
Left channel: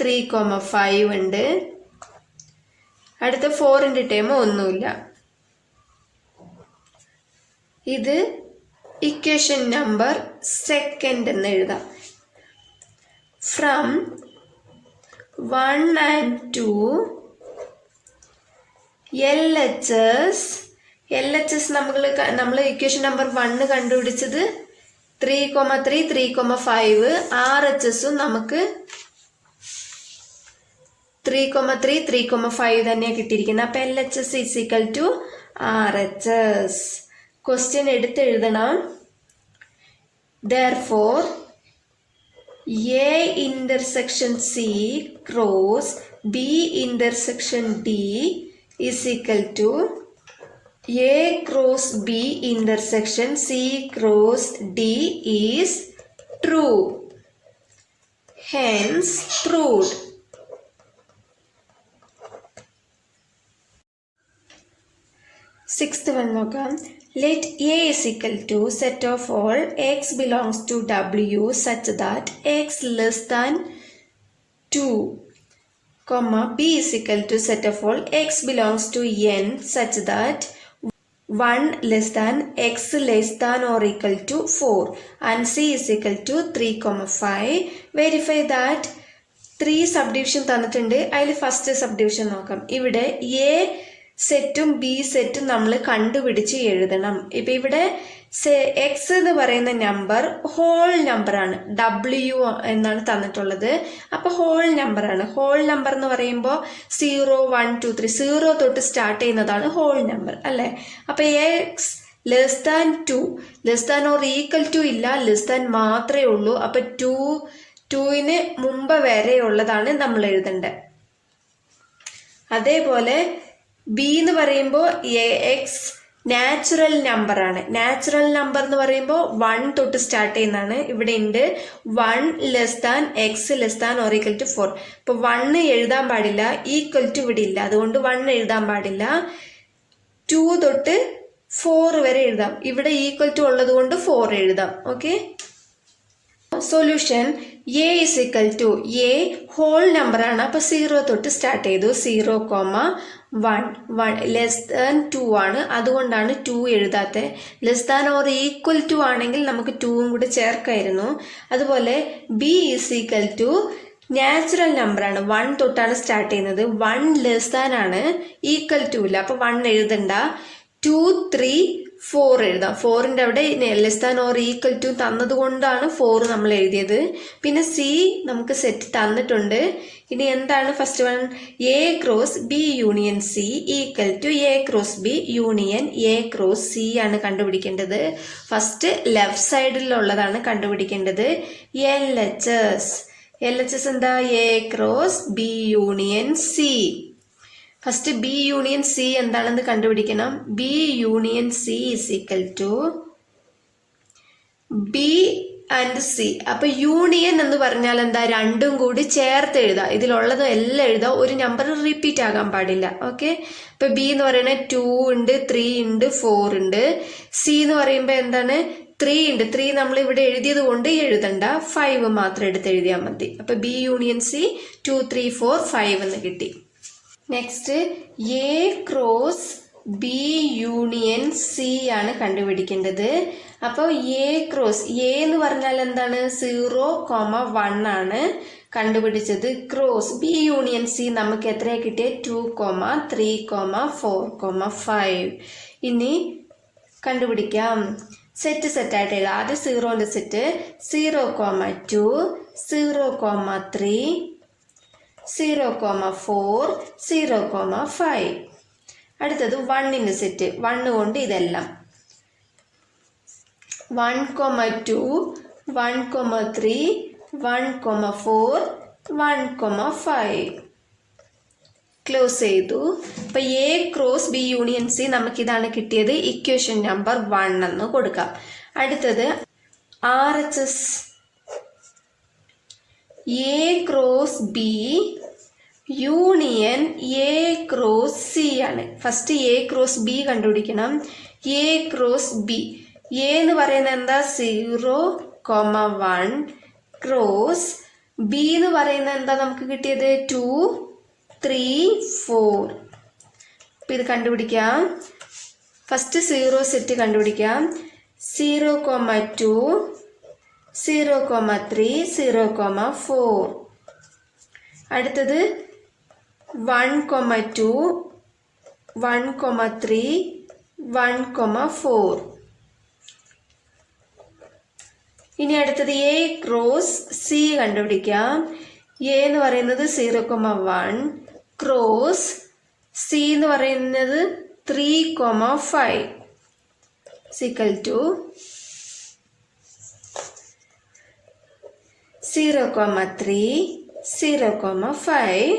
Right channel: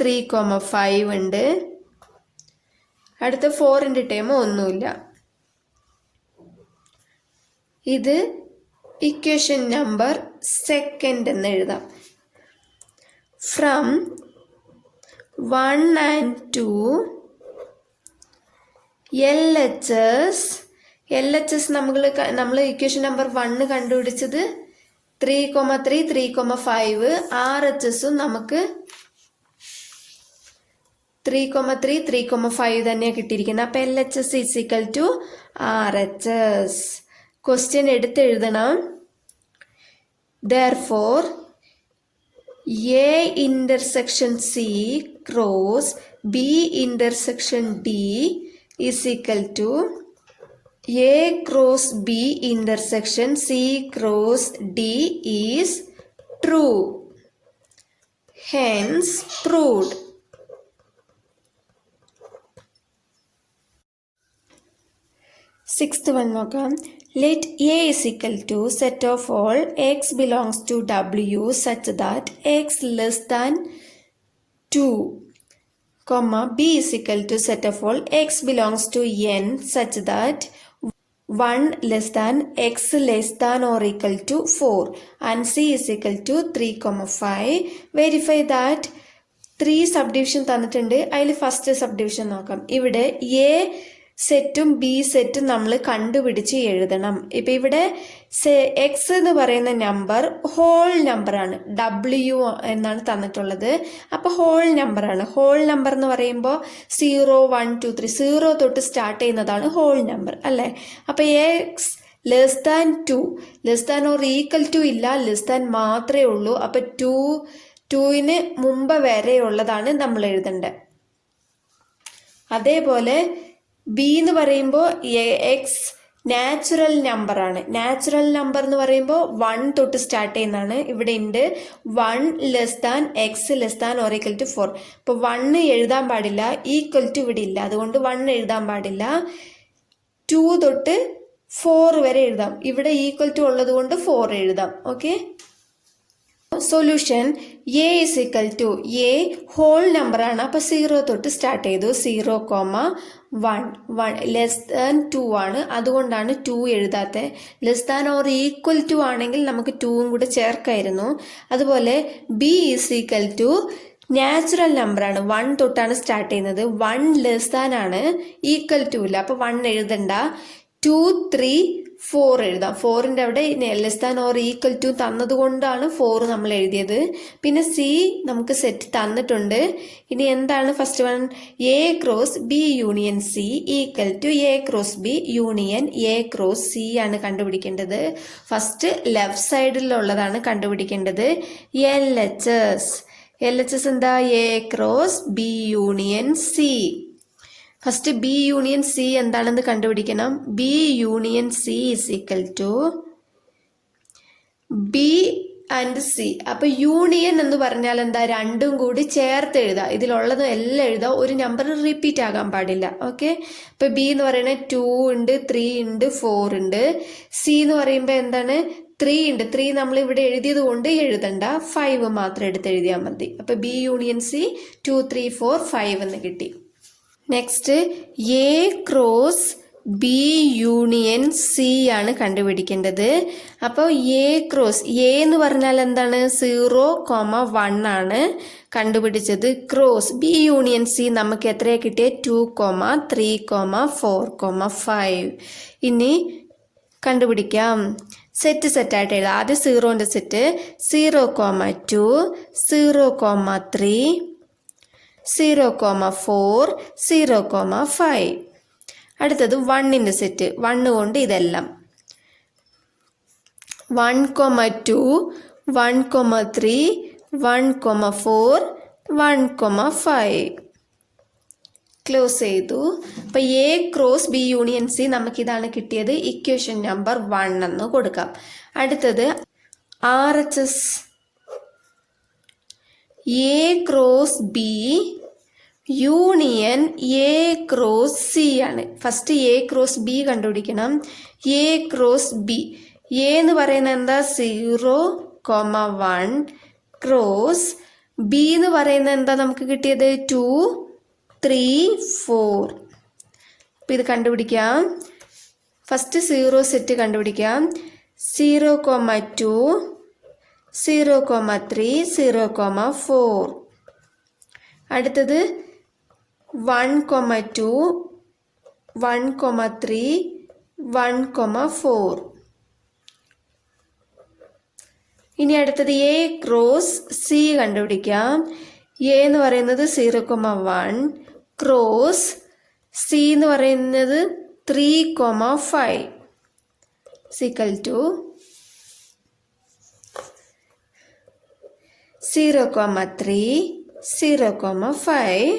3 5 ഉണ്ട്. അടുത്ത 4ന്റെ ടേം ഒന്നുമില്ല. ഇത് ഇക്വേഷൻ നമ്പർ 2 എന്ന് എഴുതാം. ഫ്രം 1 and 2 LHS നമ്മൾ ഇക്വേഷൻ നമ്പർ 1 കണ്ടുപിടിച്ചത് 3 3 3 5. RHSും നമുക്ക് 3 3 3 5 തന്നെയാണ് കിട്ടിയിരിക്കുന്നത്. അപ്പം LHS is equal to RHS. Question എടുത്തെഴുതണം. Therefore A intersection C cross B intersection D is equal to A cross B intersection C cross D is true. Hence proved. Sixth one നോക്കാം. Let A is equal to set of all x belongs to W such that x less than 2, B is equal to set of all x belongs to N such that 1 less than x less than or equal to 4 and C is equal to 3, 5. Verify that 3 subdivision തന്നിട്ടുണ്ട്. അതിൽ first subdivision നോക്കാം. ഇവിടെ A സെറ്റും B സെറ്റും നമ്മൾ കണ്ടുപിടിച്ച് എഴുതണം. ഇപ്പം ഇവിടെ എക്സ് എന്ന് പറയുന്ന നമ്പർ ഹോൾ നമ്പറാണ്. W എന്നാണ് തന്നിട്ടുള്ളത്. അപ്പോൾ ഹോൾ നമ്പറാണ്. ഹോൾ നമ്പർ എന്ന് പറയുമ്പോൾ 0 1 2 3 0 തൊട്ട് സ്റ്റാർട്ട് ചെയ്യുന്നതാണ് ഹോൾ നമ്പർ അല്ലേ. അപ്പോൾ x less than 2 less than or equal to ഇല്ല, ലെസ് ദാൻ മാത്രമേ ഉള്ളൂ. അപ്പം 2ന് മുമ്പ് വരെ ഉള്ളതാണ് നമ്മൾ എഴുതേണ്ടത്. അതേപോലെ ബി എന്ന് പറയുമ്പോൾ എക്സ് നാച്ചുറൽ നമ്പറാണ്. നാച്ചുറൽ നമ്പർ എന്ന് പറയുമ്പോൾ 1 തൊട്ട് സ്റ്റാർട്ട് ചെയ്യുന്നതാണ്. ഇവിടെ ഉണ്ട് 1 less than x less than or equal to 4. അപ്പോൾ 1 എഴുതാൻ പാടില്ല, ഈക്വൽ ടു ഇവിടെ ഇല്ല, അതുകൊണ്ട് 1 എഴുതാൻ പാടില്ല. 2 തൊട്ട് 4 വരെ എഴുതാം. ഇവിടെ ഈക്വൽ ടു ഉള്ളത് കൊണ്ട് 4 എഴുതാം. Okay. Solution A is equal to a whole നമ്പറാണ്. അപ്പോൾ 0 തൊട്ട് സ്റ്റാർട്ട് ചെയ്തു. 0,1 ലെസ് ദാൻ 2 ആണ്, അതുകൊണ്ടാണ് 2 എഴുതാത്തത്. Less than or equal to ആണെങ്കിൽ നമുക്ക് 2ഉം കൂടെ ചേർക്കായിരുന്നു. അതുപോലെ B is equal to natural നമ്പറാണ്, 1 തൊട്ടാണ് സ്റ്റാർട്ട് ചെയ്യുന്നത്. 1 ലെസ് ദാൻ ആണ്, ഈക്വൽ ടു ഇല്ല, അപ്പോൾ 1 എഴുതണ്ട. 2, 3, 4 എഴുതാം. 4ന്റെ അവിടെ less than or equal to തന്നത് കൊണ്ടാണ് 4 നമ്മൾ എഴുതിയത്. പിന്നെ സി നമുക്ക് സെറ്റ് തന്നിട്ടുണ്ട്. ഇനി എന്താണ് first one? A cross B union C equal to A cross B union A cross C ആണ് കണ്ടുപിടിക്കേണ്ടത്. ഫസ്റ്റ് ലെഫ്റ്റ് സൈഡിലുള്ളതാണ് കണ്ടുപിടിക്കേണ്ടത്. എൽ എച്ച് എസ് എന്താ? A cross B union C. First B union C എന്താണെന്ന് കണ്ടുപിടിക്കണം. B union C is equal to B and C. അപ്പൊ union എന്ന് പറഞ്ഞാൽ എന്താ? രണ്ടും കൂടി ചേർത്ത് എഴുതാം. ഇതിലുള്ളത് എല്ലാം എഴുതാം, ഒരു നമ്പർ റിപ്പീറ്റ് ആകാൻ പാടില്ല. ഓക്കെ, ഇപ്പൊ ബി എന്ന് പറയുന്നത് 2 ഉണ്ട്, 3 ഉണ്ട്, 4 ഉണ്ട്. സി എന്ന് പറയുമ്പോൾ എന്താണ്? 3 ഉണ്ട്. 3 നമ്മൾ ഇവിടെ എഴുതിയത് കൊണ്ട് എഴുതണ്ട, 5 മാത്രം എടുത്ത് എഴുതിയാൽ മതി. അപ്പൊ ബി യൂണിയൻ സി 2, 3, 4, 5 എന്ന് കിട്ടി. Next A cross B union C ആണ് കണ്ടുപിടിക്കേണ്ടത്. അപ്പോൾ എ ക്രോസ്, എ എന്ന് പറഞ്ഞാൽ എന്താണ്? 0,1 ആണ് കണ്ടുപിടിച്ചത്. ക്രോസ് ബി യൂണിയൻ സി നമുക്ക് എത്രയാ കിട്ടിയത്? 2, 3, 4, 5. ഇനി കണ്ടുപിടിക്കാം. സെറ്റായിട്ട് എഴുതാം. ആദ്യം 0ന്റെ സെറ്റ് 0,2, 0,3, 0,4, 0,5. അടുത്തത് 1ന്റെ സെറ്റ്. 1 കൊണ്ട് ഇതെല്ലാം 1,2, 1,3, 1,4, 1,5. ക്ലോസ് ചെയ്തു. അപ്പൊ A cross B union C നമുക്കിതാണ് കിട്ടിയത്. ഇക്വേഷൻ നമ്പർ 1 എന്ന് കൊടുക്കാം. അടുത്തത് RHS A cross B union A cross C ആണ്. ഫസ്റ്റ് എ ക്രോസ് ബി കണ്ടുപിടിക്കണം. എ ക്രോസ് ബി, എ എന്ന് പറയുന്നത് എന്താ? 0,1 ക്രോസ് ബി എന്ന് പറയുന്നത് എന്താ നമുക്ക് കിട്ടിയത്? 2, 3, 4. അപ്പം ഇത് കണ്ടുപിടിക്കാം. ഫസ്റ്റ് 0 സെറ്റ് കണ്ടുപിടിക്കാം. 0,2, 0,3, 0,4. അടുത്തത് 1,2, 1,3, 1,4. ഇനി അടുത്തത് എ ക്രോസ് സി കണ്ടുപിടിക്കാം. എ എന്ന് പറയുന്നത് 0,1 ക്രോസ് സി എന്ന് പറയുന്നത് 3,5 equal to 0,3, 0,5,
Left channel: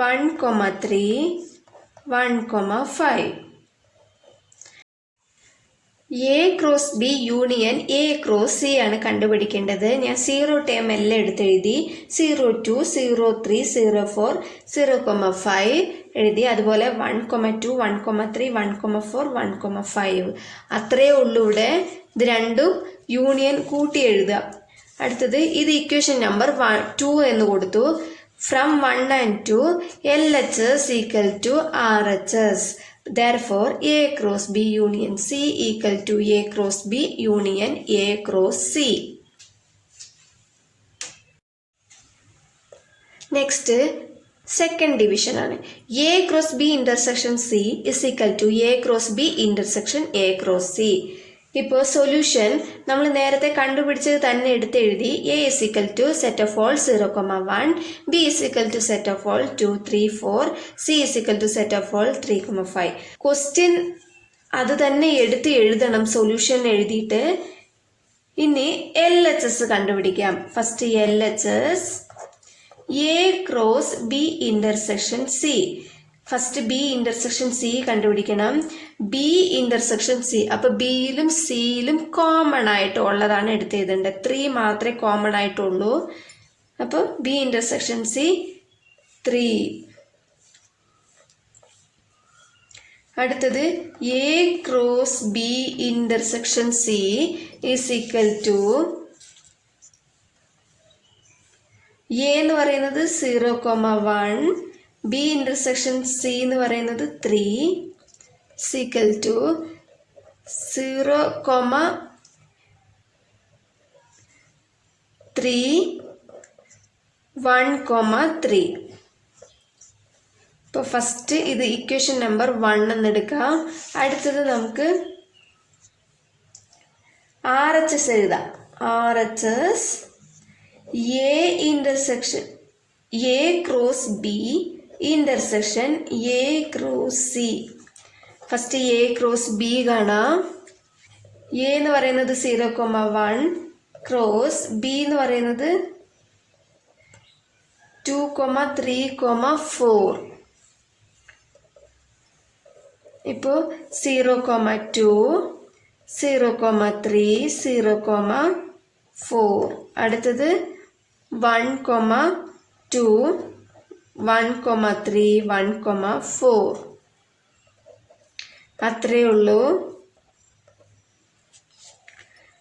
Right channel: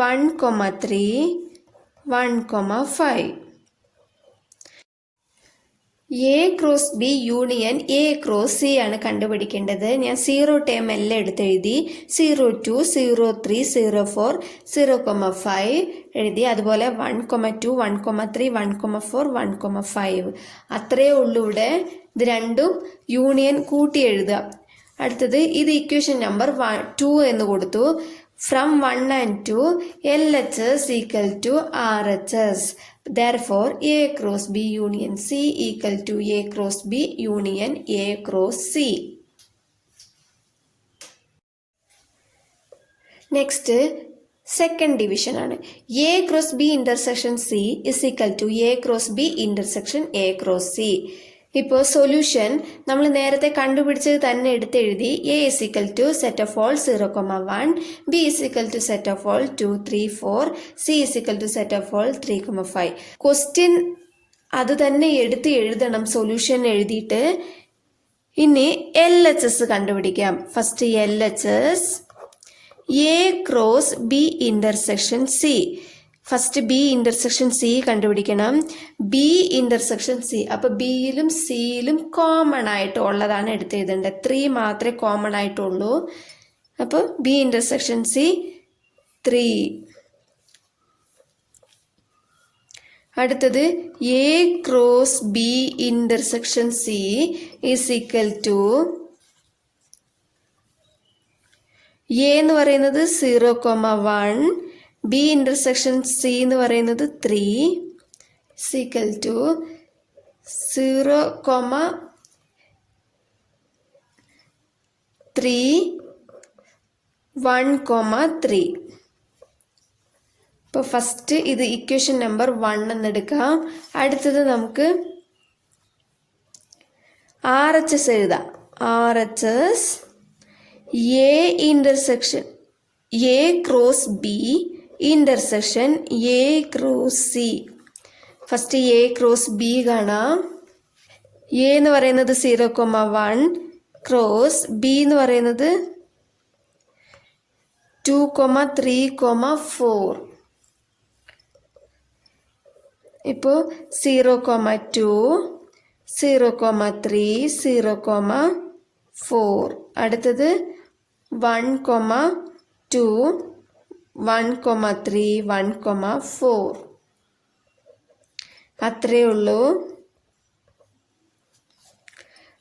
1,3, 1,5. A cross B union A cross C ആണ് കണ്ടുപിടിക്കേണ്ടത്. ഞാൻ 0 ടേം എല്ലാം എടുത്തെഴുതി. 0,2, 0,3, 0,4, 0,5 എഴുതി. അതുപോലെ 1,2, 1,3, 1,4, 1,5. അത്രയേ ഉള്ളൂ ഇവിടെ. ഇത് രണ്ടും യൂണിയൻ കൂട്ടി എഴുതുക. അടുത്തത് ഇത് ഇക്വേഷൻ നമ്പർ 2 എന്ന് കൊടുത്തു. From 1 and 2 LHS equal to RHS. Therefore A cross B union C equal to A cross B union A cross C. Next second division ആണ്. A cross B intersection C is equal to A cross B intersection A cross C. ഇപ്പോൾ solution നമ്മൾ നേരത്തെ കണ്ടുപിടിച്ചത് തന്നെ എടുത്തെഴുതി. A is equal to set of all 0,1, B is equal to set of all 2, 3, 4, C is equal to set of all 3,5. Question അത് തന്നെ എടുത്ത് എഴുതണം സൊല്യൂഷൻ എഴുതിയിട്ട്. ഇനി LHS കണ്ടുപിടിക്കാം. First LHS A cross B intersection C. First B intersection C കണ്ടുപിടിക്കണം. B intersection C, അപ്പൊ ബിയിലും സിയിലും കോമൺ ആയിട്ട് ഉള്ളതാണ് എടുത്ത് എഴുതേണ്ടത്. 3 മാത്രമേ കോമൺ ആയിട്ടുള്ളൂ. അപ്പൊ ബി ഇന്റർസെക്ഷൻ സി 3. അടുത്തത് A cross B intersection C is equal to A എന്ന് പറയുന്നത് 0,1, ബി ഇന്റർസെക്ഷൻ സി എന്ന് പറയുന്നത് 3 ഈക്വൽ ടു 0,3 1,3. ഇപ്പോൾ ഫസ്റ്റ് ഇത് ഇക്വേഷൻ നമ്പർ 1 എന്നെടുക്കാം. അടുത്തത് നമുക്ക് RHS എഴുതാം. RHS A intersection A cross B intersection A cross C. First A cross B കാണാം. എ എന്ന് പറയുന്നത് 0,1 ക്രോസ് ബി എന്ന് പറയുന്നത് 2,3,4. ഇപ്പോൾ 0,2 0,3 0,4. അടുത്തത് 1,2 1,3 1,4. അത്രയേ ഉള്ളൂ.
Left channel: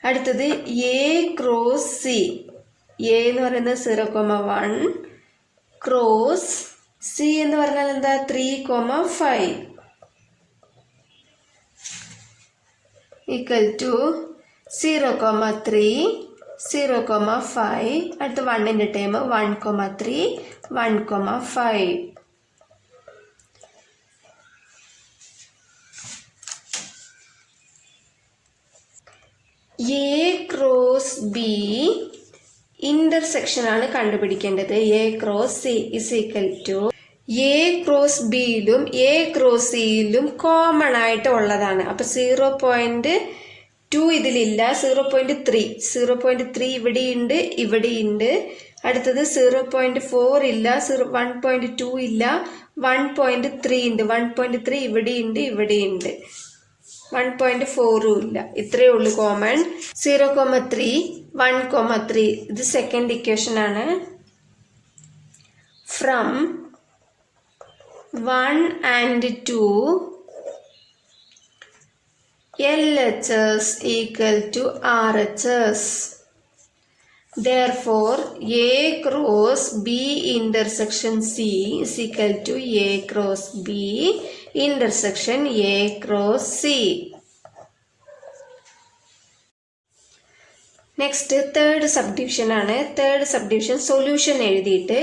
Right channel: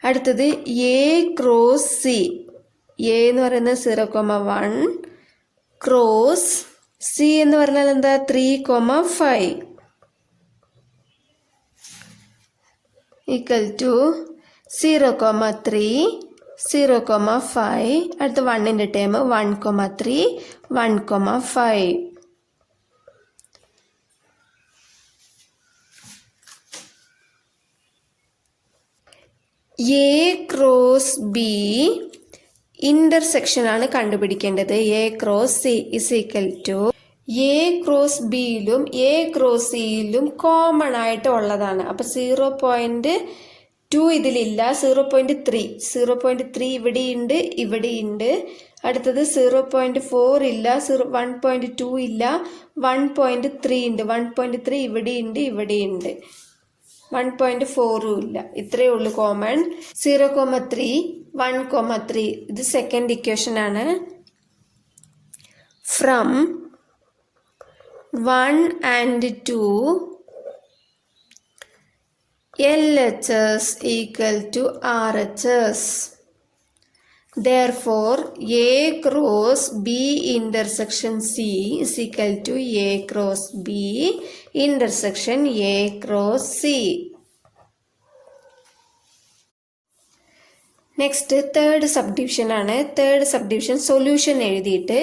അടുത്തത് എ ക്രോസ് സി. എ എന്ന് പറയുന്നത് 0,1 ക്രോസ് സി എന്ന് പറഞ്ഞാൽ എന്താ 3,5 ഈക്വൽ ടു 0,3 0,5. അടുത്ത 1ന്റെ time 1,3 1,5. A cross B intersection ആണ് കണ്ടുപിടിക്കേണ്ടത്. A cross C is equal to A cross ബിയിലും എ ക്രോസ് സിയിലും കോമൺ ആയിട്ട് ഉള്ളതാണ്. അപ്പൊ 0,2 ഇതിലില്ല. 0,3 ഇവിടെയുണ്ട് ഇവിടെയുണ്ട്. അടുത്തത് 0,4 ഇല്ല. 1,2 ഇല്ല. 1,3 ഉണ്ട്. 1,3 ഇവിടെയുണ്ട് ഇവിടെയുണ്ട്. 1,4 ഇല്ല. ഇത്രയേ ഉള്ളൂ കോമൺ. 0,3 1,3 ഇത് സെക്കൻഡ് ഇക്വേഷൻ ആണ്. From 1 and 2 LHS equal to RHS. Therefore, A cross B intersection C is equal to A cross B intersection A cross C. Next third subdivision ആണ്. തേർഡ് സബ്ഡിവിഷൻ സൊല്യൂഷൻ എഴുതിയിട്ട്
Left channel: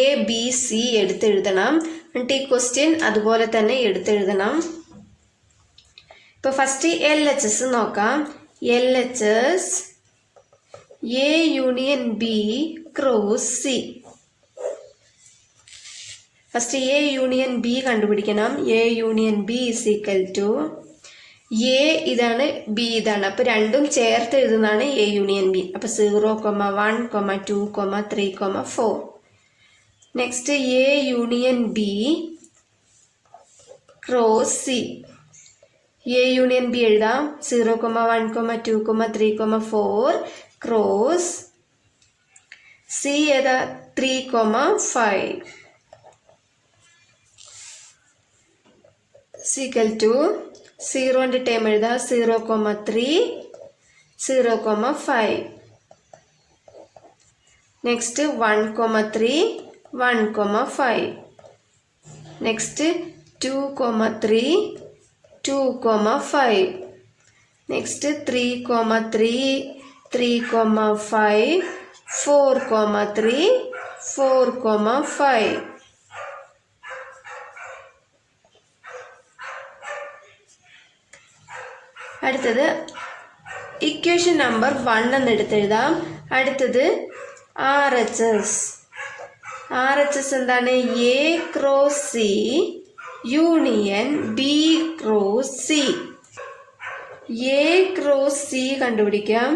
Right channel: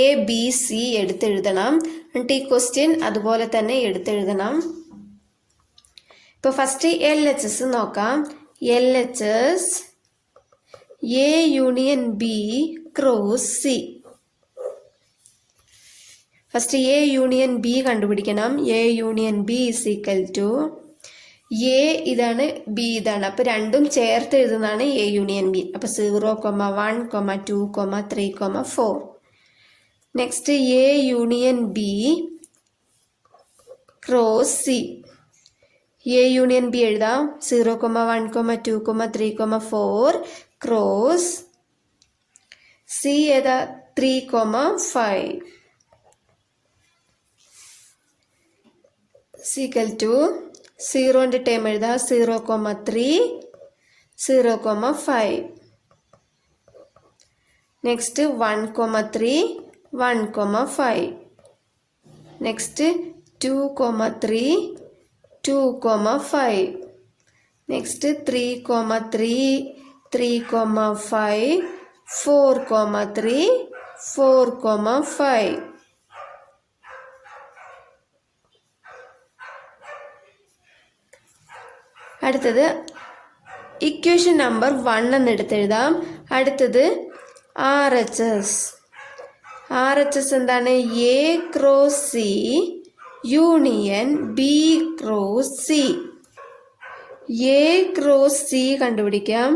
A B C എടുത്തെഴുതണം. എന്നിട്ട് ഈ question അതുപോലെ തന്നെ എടുത്തെഴുതണം. ഇപ്പോൾ first LHS നോക്കാം. LHS A union B cross C. First A union B കണ്ടുപിടിക്കണം. A union B is equal to A ഇതാണ് ബി ഇതാണ്. അപ്പൊ രണ്ടും ചേർത്ത് എഴുതുന്നതാണ് എ യൂണിയൻ ബി. അപ്പൊ 0,1 2 3 4. Next A union B cross C. A union B എഴുതാം. 0,1 2 3 4 cross C ഏതാ 3,5 equal to 0ന്റെ time എഴുതാം. 0,3 0,5. നെക്സ്റ്റ് 1,3 1,5. നെക്സ്റ്റ് 2,3 2,5. നെക്സ്റ്റ് 3,3 3,5 4,3 4,5. അടുത്തത് ഇക്വേഷൻ നമ്പർ 1 എന്ന് എടുത്തെഴുതാം. അടുത്തത് RHS. RHS എന്താണ്? A cross C union B cross C. A cross C കണ്ടുപിടിക്കാം.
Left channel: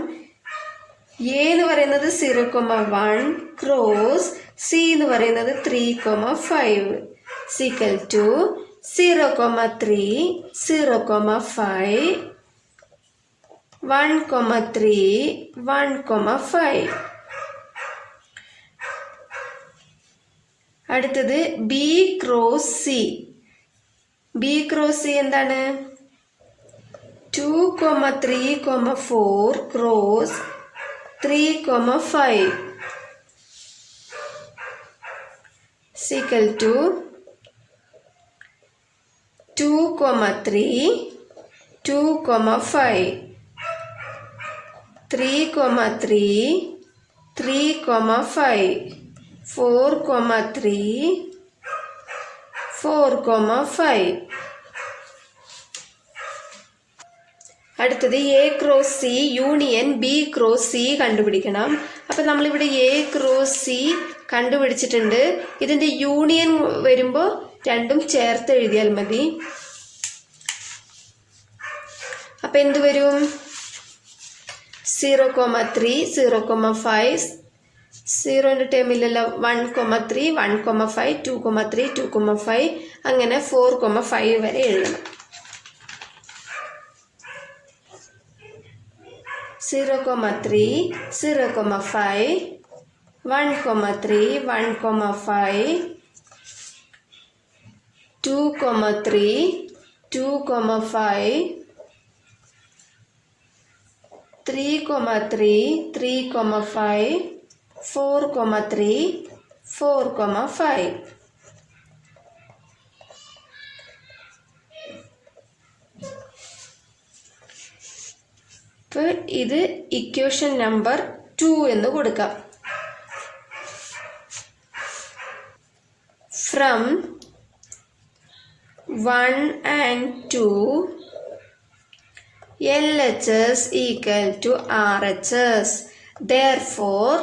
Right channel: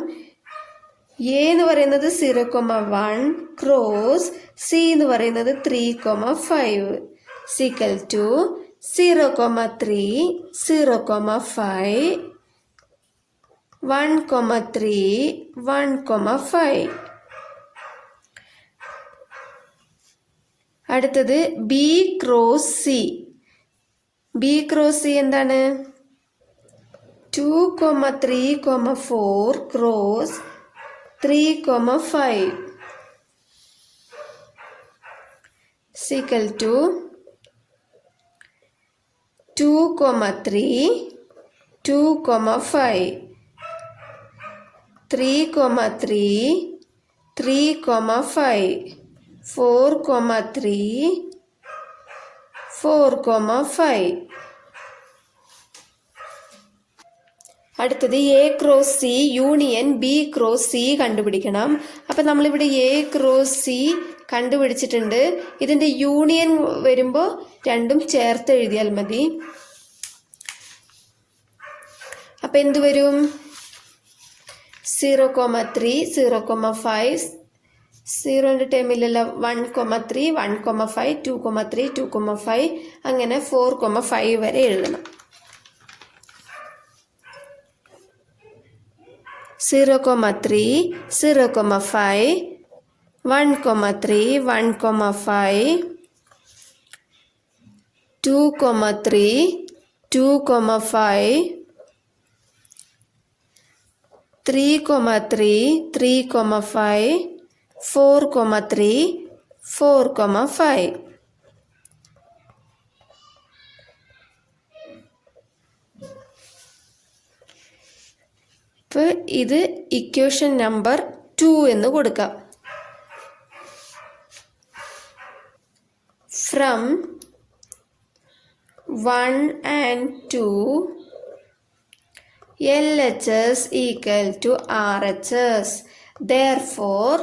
A എന്ന് പറയുന്നത് 0,1 ക്രോസ് സി എന്ന് പറയുന്നത് 3,5 ഈക്വൽ ടു 0,3 0,5 1,3 1,5. അടുത്തത് B cross C. B cross C എന്താണ്? 2,3,4 ക്രോസ് 3,5. is equal to 2, 3, 2, 5, 3, 3, 3, 5, 4, 3, 4, 5. അടുത്തത് A cross C union B cross C കണ്ടുപിടിക്കണം. അപ്പം നമ്മളിവിടെ എ ക്രോസ് സി കണ്ടുപിടിച്ചിട്ടുണ്ട്. ഇതിൻ്റെ യൂണിയൻ വരുമ്പോൾ രണ്ടും ചേർത്ത് എഴുതിയാൽ മതി. അപ്പം എന്ത് വരും? 0,3, 0,5, 0ൻ്റെ ടേമില്ലല്ലോ. 1,3, 1,5, 2,3, 2,5 അങ്ങനെ 4,5 വരെ എഴുതണം. 0,3, 0,5, 1,3, 1,5, 2,3, 2,5, 3,3, 3,5, 4,3, 4,5. അപ്പോൾ ഇത് ഇക്വേഷൻ നമ്പർ 2 എന്ന് കൊടുക്കാം. From 1 and 2 LHS equal to RHS. Therefore,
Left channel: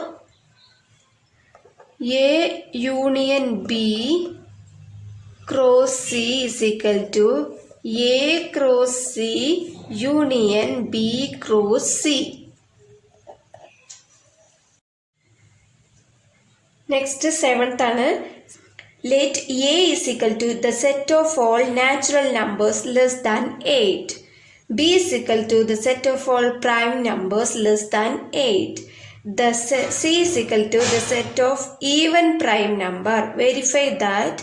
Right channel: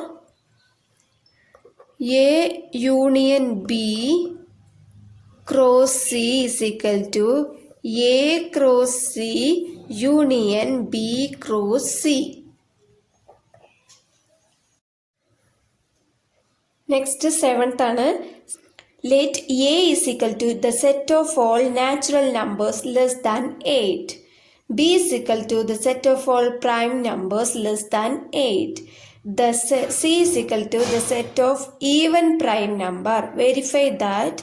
A union B cross C is equal to A cross C union B cross C. Next, 7th ആണ്. Let A is equal to the set of all natural numbers less than 8. B is equal to the set of all prime numbers less than 8. The C is equal to the set of even prime number. Verify that.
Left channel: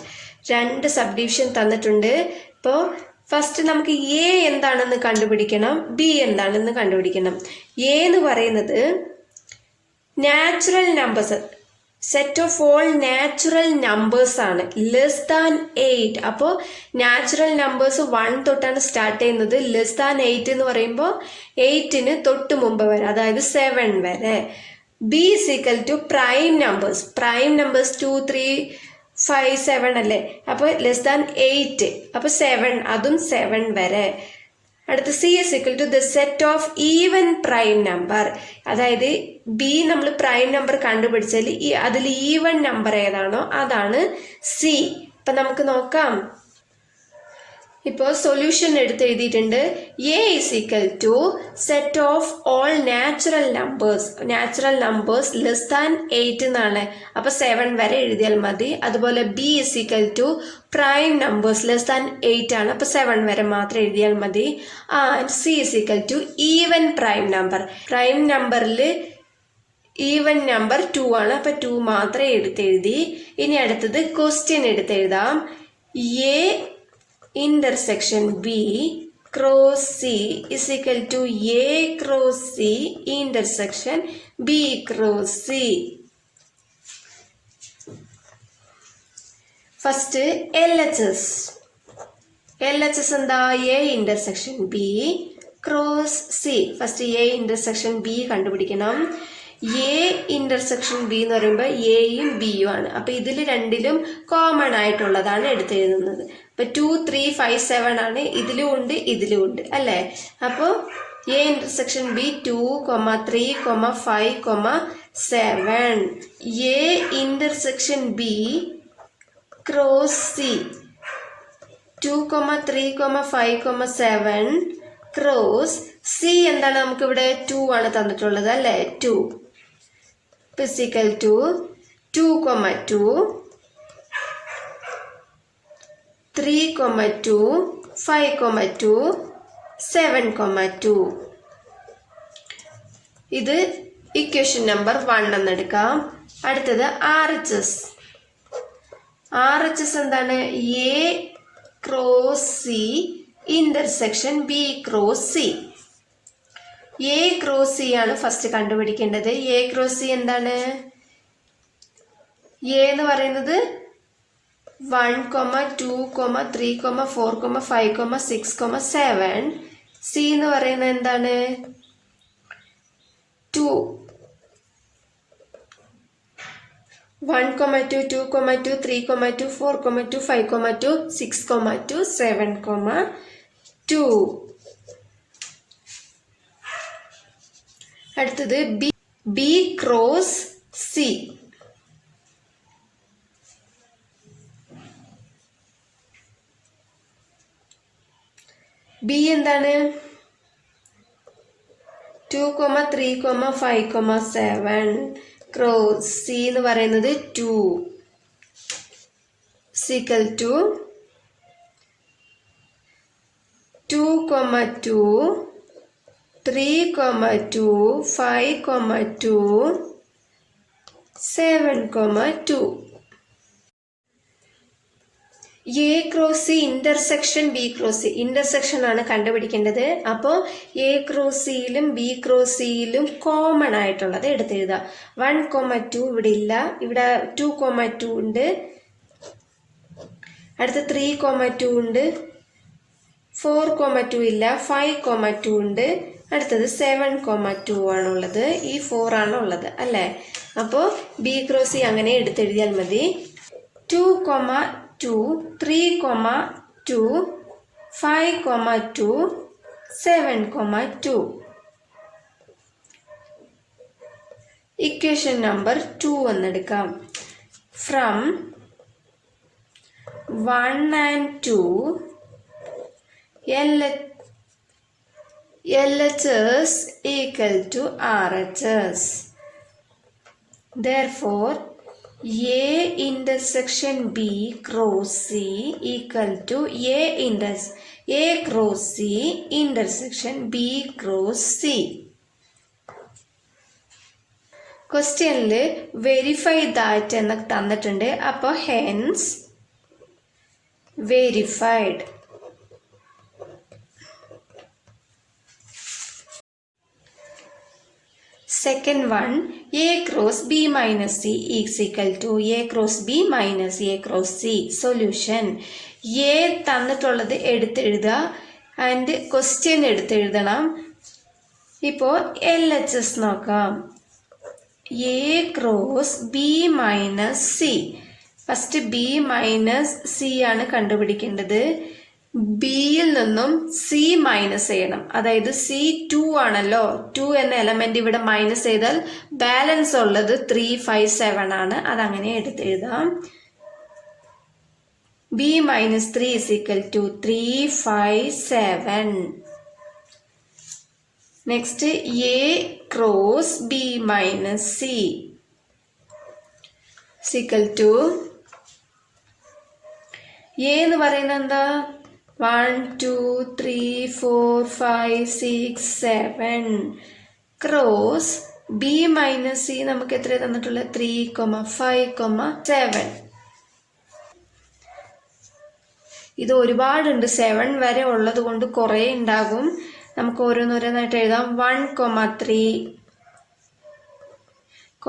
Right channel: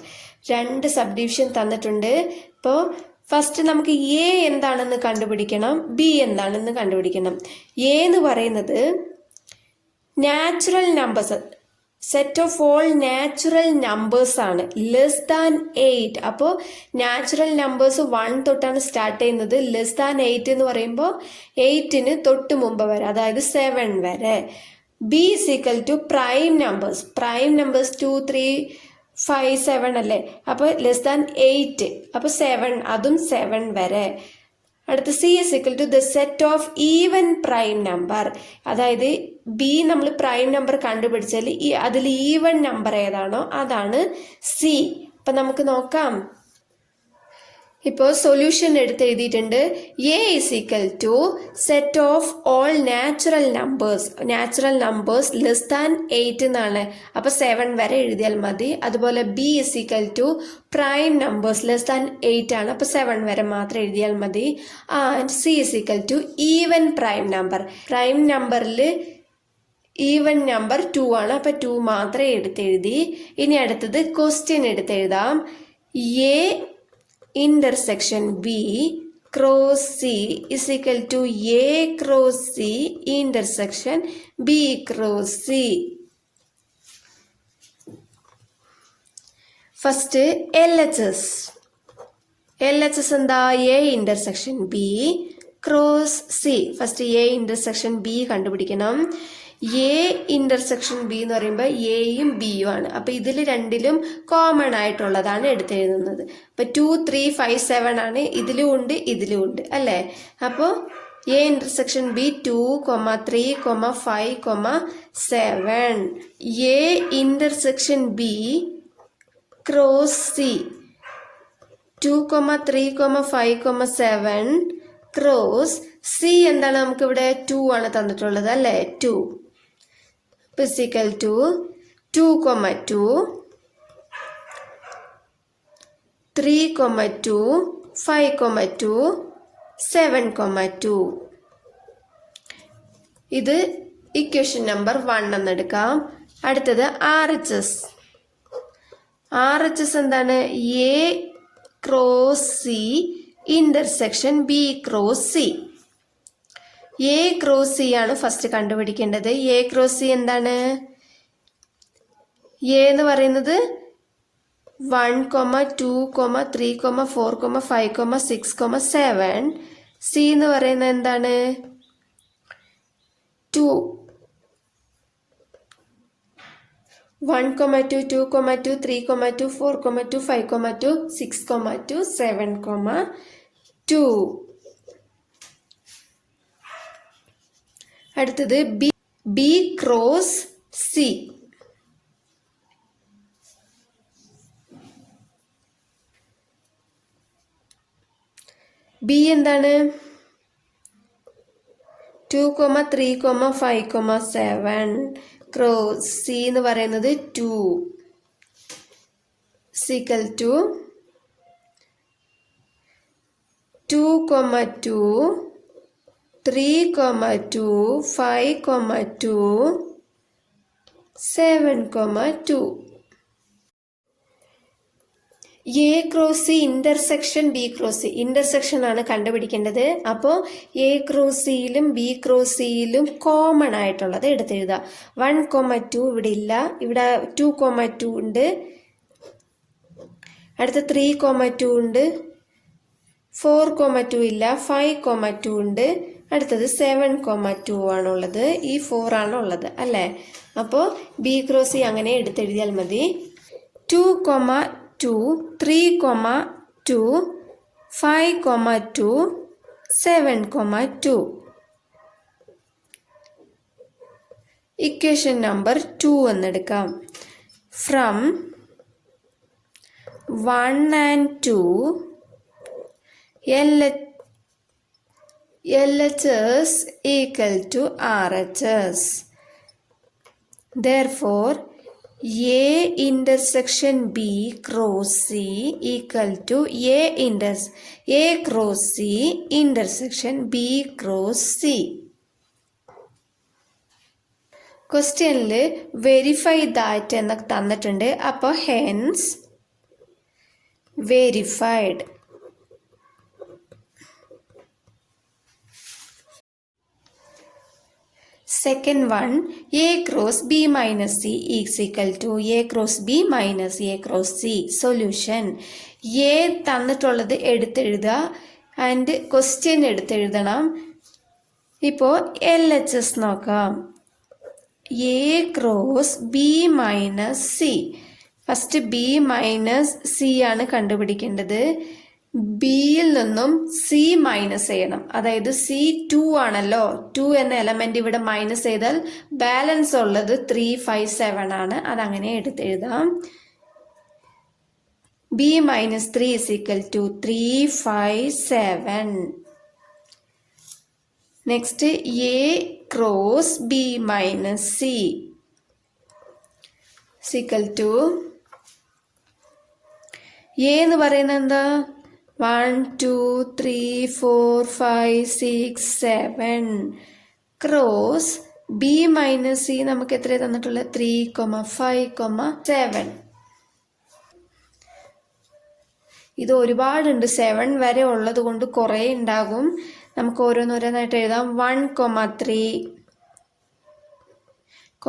രണ്ട് subdivision തന്നിട്ടുണ്ട്. ഇപ്പോൾ first നമുക്ക് A എന്താണെന്ന് കണ്ടുപിടിക്കണം, B എന്താണെന്ന് കണ്ടുപിടിക്കണം. A എന്ന് പറയുന്നത് natural numbers, set of all natural numbers ആണ്. Less than 8. അപ്പോൾ നാച്ചുറൽ നമ്പേഴ്സ് 1 തൊട്ടാണ് സ്റ്റാർട്ട് ചെയ്യുന്നത്. ലെസ് ദാൻ 8 എന്ന് പറയുമ്പോൾ 8ന് തൊട്ട് മുമ്പ് വരെ, അതായത് 7 വരെ. B is equal to prime numbers. Prime numbers 2, 3, 5, 7 അല്ലേ. അപ്പോൾ ലെസ് ദാൻ 8, അപ്പോൾ 7, അതും 7 വരെ. അടുത്ത C is equal to the set of even prime number. അതായത് ബി നമ്മൾ പ്രൈം നമ്പർ കണ്ടുപിടിച്ചാൽ അതിൽ ഈവൻ നമ്പർ ഏതാണോ അതാണ് സി. അപ്പം നമുക്ക് നോക്കാം. ഇപ്പോൾ സൊല്യൂഷൻ എടുത്ത് എഴുതിയിട്ടുണ്ട്. A is equal to set of all natural numbers less than 8 എന്നാണ്. അപ്പോൾ 7 വരെ എഴുതിയാൽ മതി. അതുപോലെ B is equal to prime numbers less than 8 ആണ്. അപ്പോൾ 7 വരെ മാത്രം എഴുതിയാൽ മതി. C is equal to even prime number. Prime നമ്പറിൽ ഈവൻ നമ്പർ 2 ആണ്. അപ്പോൾ 2 മാത്രമേ എഴുതി. ഇനി അടുത്തത് ക്വസ്റ്റ്യൻ എടുത്തെഴുതാം. A intersection B cross C is equal to A cross C intersection B cross C. First LHS എന്താ? A intersection B cross C. First A intersection B കണ്ടുപിടിക്കണം. എ ഇന്റർസെക്ഷൻ ബി എന്ന് പറയുമ്പോൾ എയും ബിയും ആണ്. അപ്പോൾ ഇതിൽ രണ്ടിലും കോമൺ ആയിട്ടുള്ളതാണ് എടുത്തെഴുതുന്നത്. അപ്പോൾ 2, 3, 5, 7 ആണ്. ഇതിലും ഉണ്ട് ഇതിലും ഉണ്ട് അല്ലേ. അപ്പോൾ A intersection B 2, 3, 5, 7. A intersection B cross C 2, 3, 5, 7 cross C എന്താണ്? നമുക്കിവിടെ 2 ആണ് തന്നിട്ടുള്ളത് അല്ലേ. 2 is equal to 2, 2, 3, 2, 5, 2, 7, 2. ഇത് ഇക്വേഷൻ നമ്പർ 1 എന്നെടുക്കാം. അടുത്തത് RHS. RHS എന്താണ്? A cross C intersection B cross C. A cross C ആണ് ഫസ്റ്റ് കണ്ടുപിടിക്കേണ്ടത്. എ ക്രോസ് സി എന്താണ്? എ എന്ന് പറയുന്നത് 1, 2, 3, 4, 5, 6, 7. സി എന്ന് പറയുന്നത് എന്താണ്? 2. 1, 2, 2, 2, 3, 2, 4, 2, 5, 2, 6, 2, 7, 2. അടുത്തത് ബി ക്രോസ് സി. ബി എന്താണ്? 2, 3, 5, 7. ക്രോസ് സി എന്ന് പറയുന്നത് 2. C equal to 2, 2, 3, 2, 5, 2, 7, 2. A cross C intersection B cross C. Intersection ആണ് കണ്ടുപിടിക്കേണ്ടത്. അപ്പോൾ എ ക്രോസ് സിയിലും ബി ക്രോസ് സിയിലും കോമൺ ആയിട്ടുള്ളത് എടുത്തെഴുതുക. 1, 2 ഇവിടെ ഇല്ല. ഇവിടെ 2, 2 ഉണ്ട്. അടുത്ത് 3, 2 ഉണ്ട്. 4, 2 ഇല്ല. 5, 2 ഉണ്ട്. അടുത്തത് 7, 2 ആണുള്ളത്. ഈ 4 ആണുള്ളത് അല്ലേ? അപ്പോൾ ബി ക്രോസ് സി അങ്ങനെ എടുത്തെഴുതിയാൽ മതി. 2, 2, 3, 2, 5, 2, 7, 2. ഇക്വേഷൻ നമ്പർ 2 എന്നെടുക്കാം. From 1 and 2 LHS equal to RHS. Therefore, A intersection B cross C equal to A cross C intersection B cross C. ക്വസ്റ്റ്യനിൽ വെരിഫൈ ദാറ്റ് എന്ന് തന്നിട്ടുണ്ട്. അപ്പോൾ hence verified. Second one, A cross B minus C is equal to A cross B minus A cross C. Solution. A തന്നിട്ടുള്ളത് എടുത്തെഴുതുക and question എടുത്തെഴുതണം. ഇപ്പോൾ LHS നോക്കാം. A cross B minus C. First B minus C ആണ് കണ്ടുപിടിക്കേണ്ടത്. ബിയിൽ നിന്നും C minus ചെയ്യണം. അതായത് C 2 ആണല്ലോ. 2 എന്ന എലമെന്റ് ഇവിടെ മൈനസ് ചെയ്താൽ ബാലൻസ് ഉള്ളത് 3, 5, 7 ആണ്. അതങ്ങനെ എടുത്തെഴുതാം. B minus 3 is equal to 3, 5, 7. Next A cross B minus C equal to A എന്ന് പറയുന്നത് എന്താ? 1, 2, 3, 4, 5, 6, 7. ക്രോസ് ബി മൈനസ് സി നമുക്ക് എത്ര തന്നിട്ടുള്ളത്? 3, 5, 7. ഇത് ഒരുപാടുണ്ട്. 7 വരെ ഉള്ളത് കൊണ്ട് കുറേ ഉണ്ടാകും. നമുക്ക് ഓരോന്നോരോന്നായിട്ട് എഴുതാം. 1, 3,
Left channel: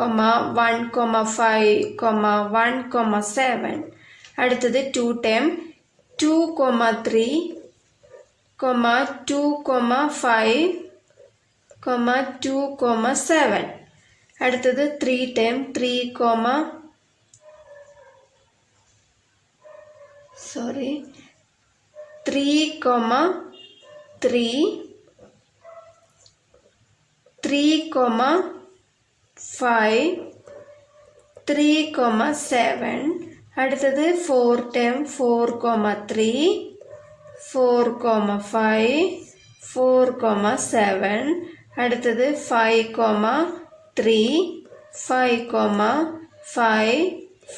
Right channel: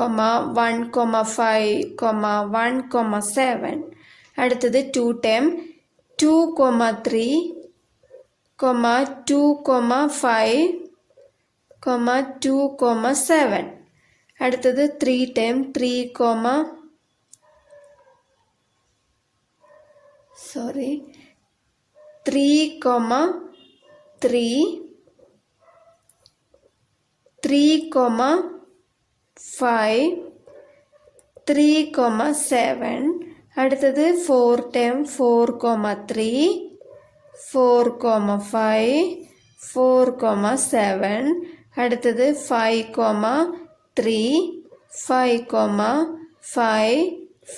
1, 5, 1, 7. അടുത്തത് 2 ടൈം 2, 3, 2, 5, 2, 7. അടുത്തത് 3 ടൈം 3, 3, 5, 3, 7. അടുത്തത് 4 ടൈം 4, 3, 4, 5, 4, 7. അടുത്തത് 5, 3, 5, 5,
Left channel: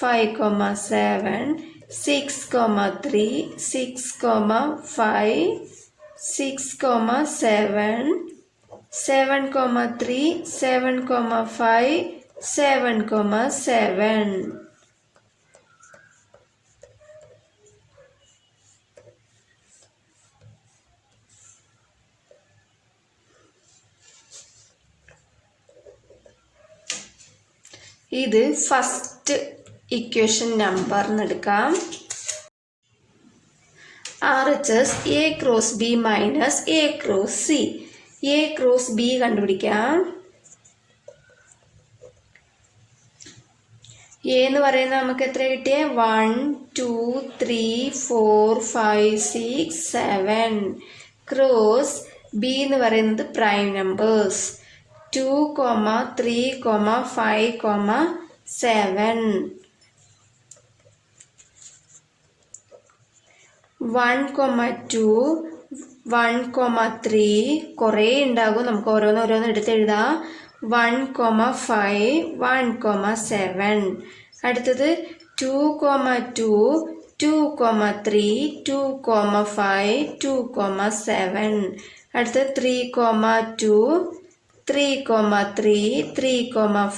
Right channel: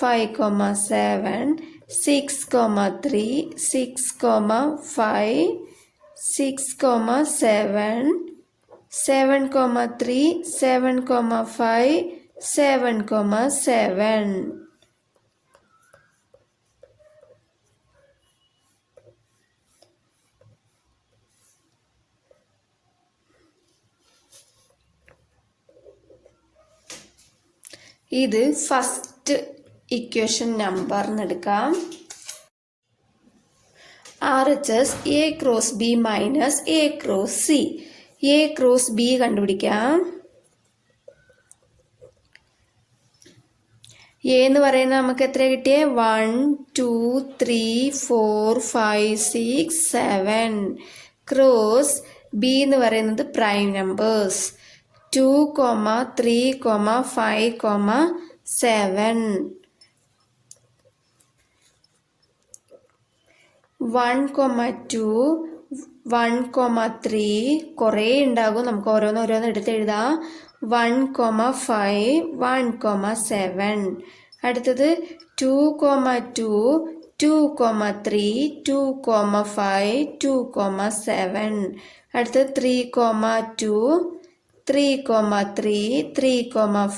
5, 7. 6, 3, 6, 5, 6, 7. 7, 3, 7, 5, 7, 7. ഇത് ഫസ്റ്റ് ഇക്വേഷൻ നമ്പർ എടുക്കാം. RHS A cross B minus A cross C. A cross B കണ്ടുപിടിക്കാം. എ എന്ന് പറയുന്നത് നമുക്ക് എത്ര കിട്ടിയേ? 1 2 3 4 5 6 7. ക്രോസ് ബി എന്ന് പറയുന്നത് പ്രൈം നമ്പേഴ്സ് 2, 3, 5, 7. 1, 2, 1, 3 കുറേ ഉണ്ടാകും. നമുക്ക് ഓരോന്ന് എടുത്ത് എഴുതാം. 1, 5, 1, 7. അടുത്തത് 2, 2, 2, 3, 2, 5, 2, 7. അടുത്തത് 3, 2, 3, 3, 3,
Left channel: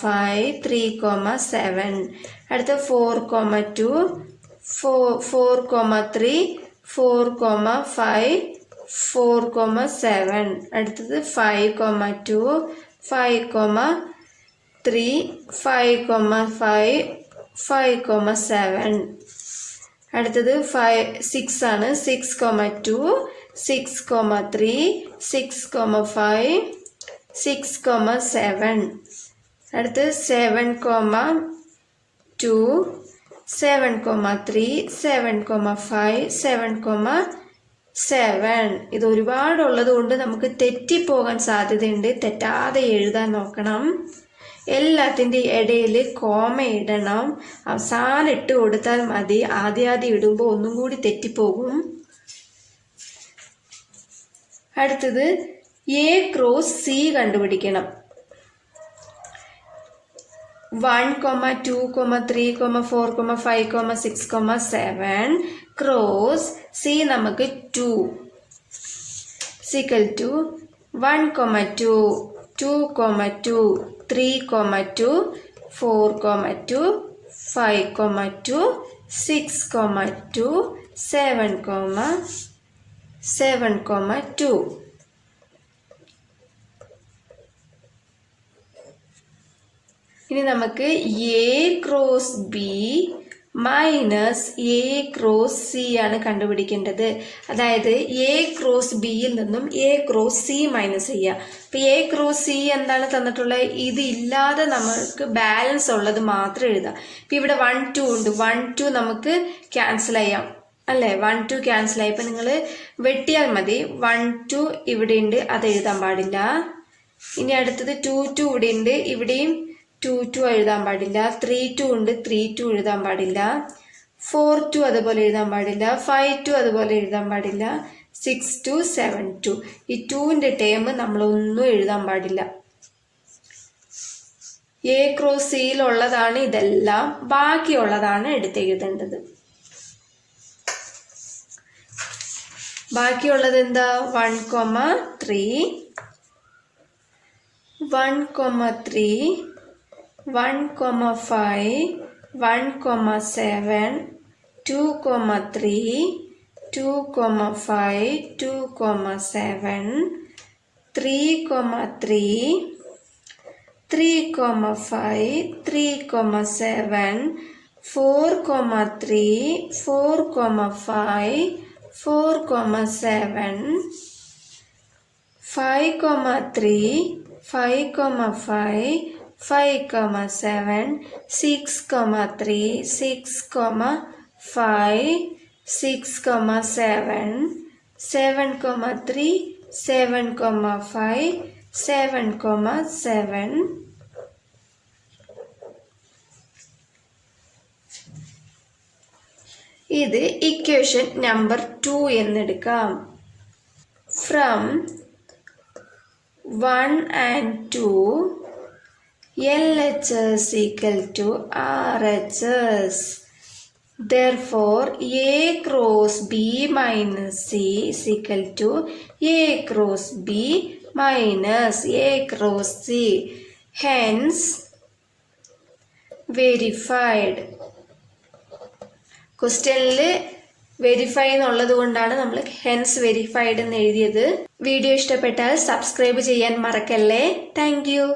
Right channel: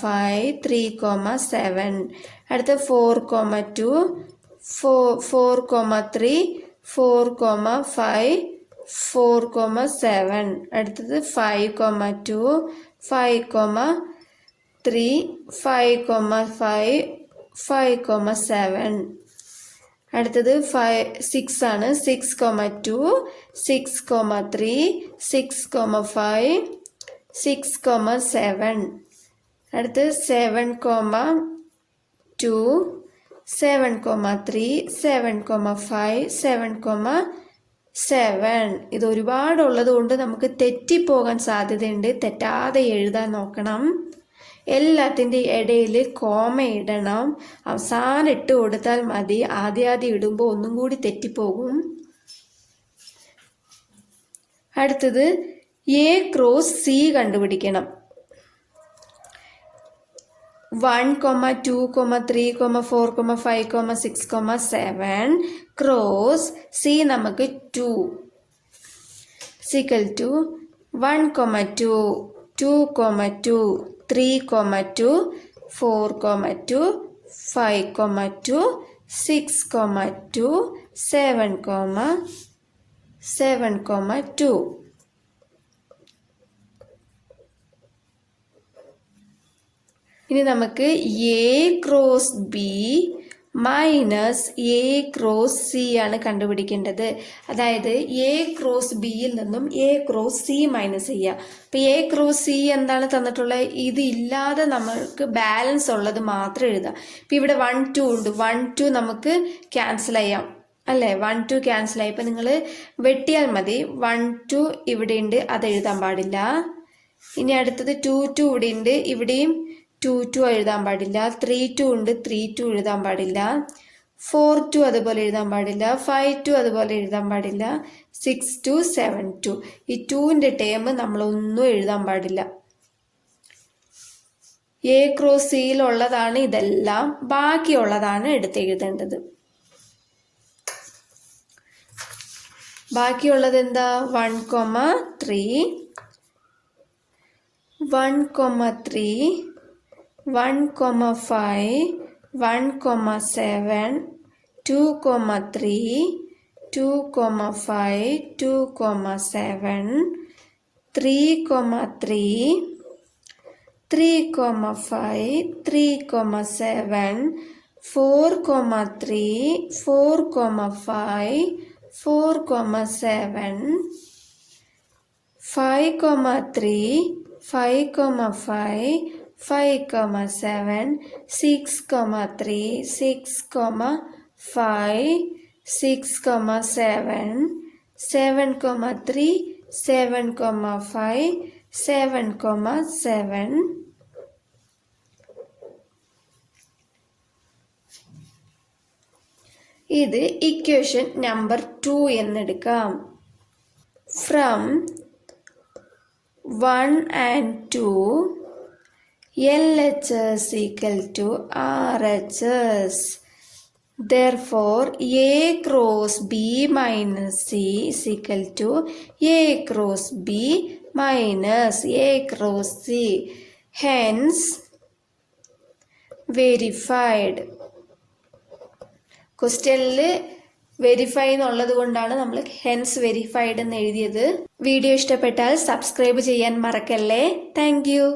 5, 3, 7. അടുത്തത് 4, 2, 4, 3, 4, 5, 4, 7. അടുത്തത് 5, 2, 5, 3, 5, 5, 7. അടുത്തത് 6 ആണ്. 6, 2, 6, 3, 6, 5, 6, 7. അടുത്തത് 7, 2, 7, 3, 7, 5, 7, 7. ഇത് ഒരുപാടുള്ളത് കൊണ്ട് നമുക്ക് തെറ്റിപ്പോകാൻ സാധ്യതയുണ്ട്. തെറ്റാതെ എഴുതാൻ നോക്കണം. എല്ലാത്തിൻ്റെ ഇടയിൽ കോമ ഇടണം. അവസാനം ഇട്ട് കൊടുത്താൽ മതി. ആദ്യം ഇടുമ്പോൾ ഒന്നും കൂടി തെറ്റിപ്പോകും. അടുത്തത് എ ക്രോസ് സി കണ്ടുപിടിക്കണം. 1, 2, 3, 4, 5, 6, 7. ക്രോസ് സി നമുക്ക് 2 ഈക്വൽ ടു 1, 2, 2, 2, 3, 2, 4, 2, 5, 2, 6, 2, 7, 2. ഇനി നമുക്ക് A cross B minus A cross C ആണ് കണ്ടുപിടിക്കേണ്ടത്. അതായത് എ ക്രോസ് ബിയിൽ നിന്നും എ ക്രോസ് സി മൈനസ് ചെയ്യുക. അപ്പം എ ക്രോസ് സി എന്താണ് തന്നിട്ടുള്ളത്? ഇത് ഇല്ലാതെ നമുക്ക് ബാലൻസ് ഉള്ളത് മാത്രം എഴുതാം. ഇപ്പം ഇവിടെ 1, 2 ഉണ്ട്. 1, 2 നമുക്ക് ക്യാൻസൽ ചെയ്യാം അല്ലേ? 1, 2 ക്യാൻസൽ ആയി. ഇപ്പം നിങ്ങൾ വെട്ടിയാൽ മതി. 1, 2 ഇവിടെ ഉണ്ട്, അത് എഴുതാൻ പാടില്ല. ഇനി അടുത്തത് 2, 2 ഇവിടെ ഉണ്ട്, ഇവിടെയും 2, 2 എഴുതാൻ പാടില്ല. 3, 2 ഉണ്ട്, 3, 2 എഴുതാൻ പാടില്ല. 4, 2 അതുപോലെ എഴുതാൻ പാടില്ല. 5, 2 അതുപോലെ എഴുതാൻ പാടില്ല. 6, 2, 7, 2. ഈ 2ൻ്റെ ടേം നമ്മളൊന്നും എഴുതാൻ പാടില്ല. എ ക്രോസ് സിയിലുള്ളതാണ് ഇതെല്ലാം. ബാക്കിയുള്ളതാണ് എടുത്തെഴുതേണ്ടത്. ബാക്കിയുള്ളത് എന്താ? 1, 3, 1, 3, 1, 5, 1, 7, 2, 3, 2, 5, 2, 7, 3, 3, 3, 5, 3, 7, 4, 3, 4, 5, 4, 7, 5, 3, 5, 5, 5, 7, 6, 3, 6, 5, 6, 7, 7, 3, 7, 5, 7, 7. ഇത് ഇക്വേഷൻ നമ്പർ 2 എന്നെടുക്കാം. From 1 and 2 LHS equal to RHS. Therefore, A cross B minus C is equal to A cross B minus A cross C. Hence, verified. ക്വസ്റ്റ്യനിൽ വെരിഫൈ എന്നുള്ളത് കൊണ്ടാണ് നമ്മൾ ഹെൻസ് വെരിഫൈഡ് എന്ന് എഴുതിയത്. വീഡിയോ ഇഷ്ടപ്പെട്ടാൽ സബ്സ്ക്രൈബ് ചെയ്യാൻ മറക്കല്ലേ. Thank you.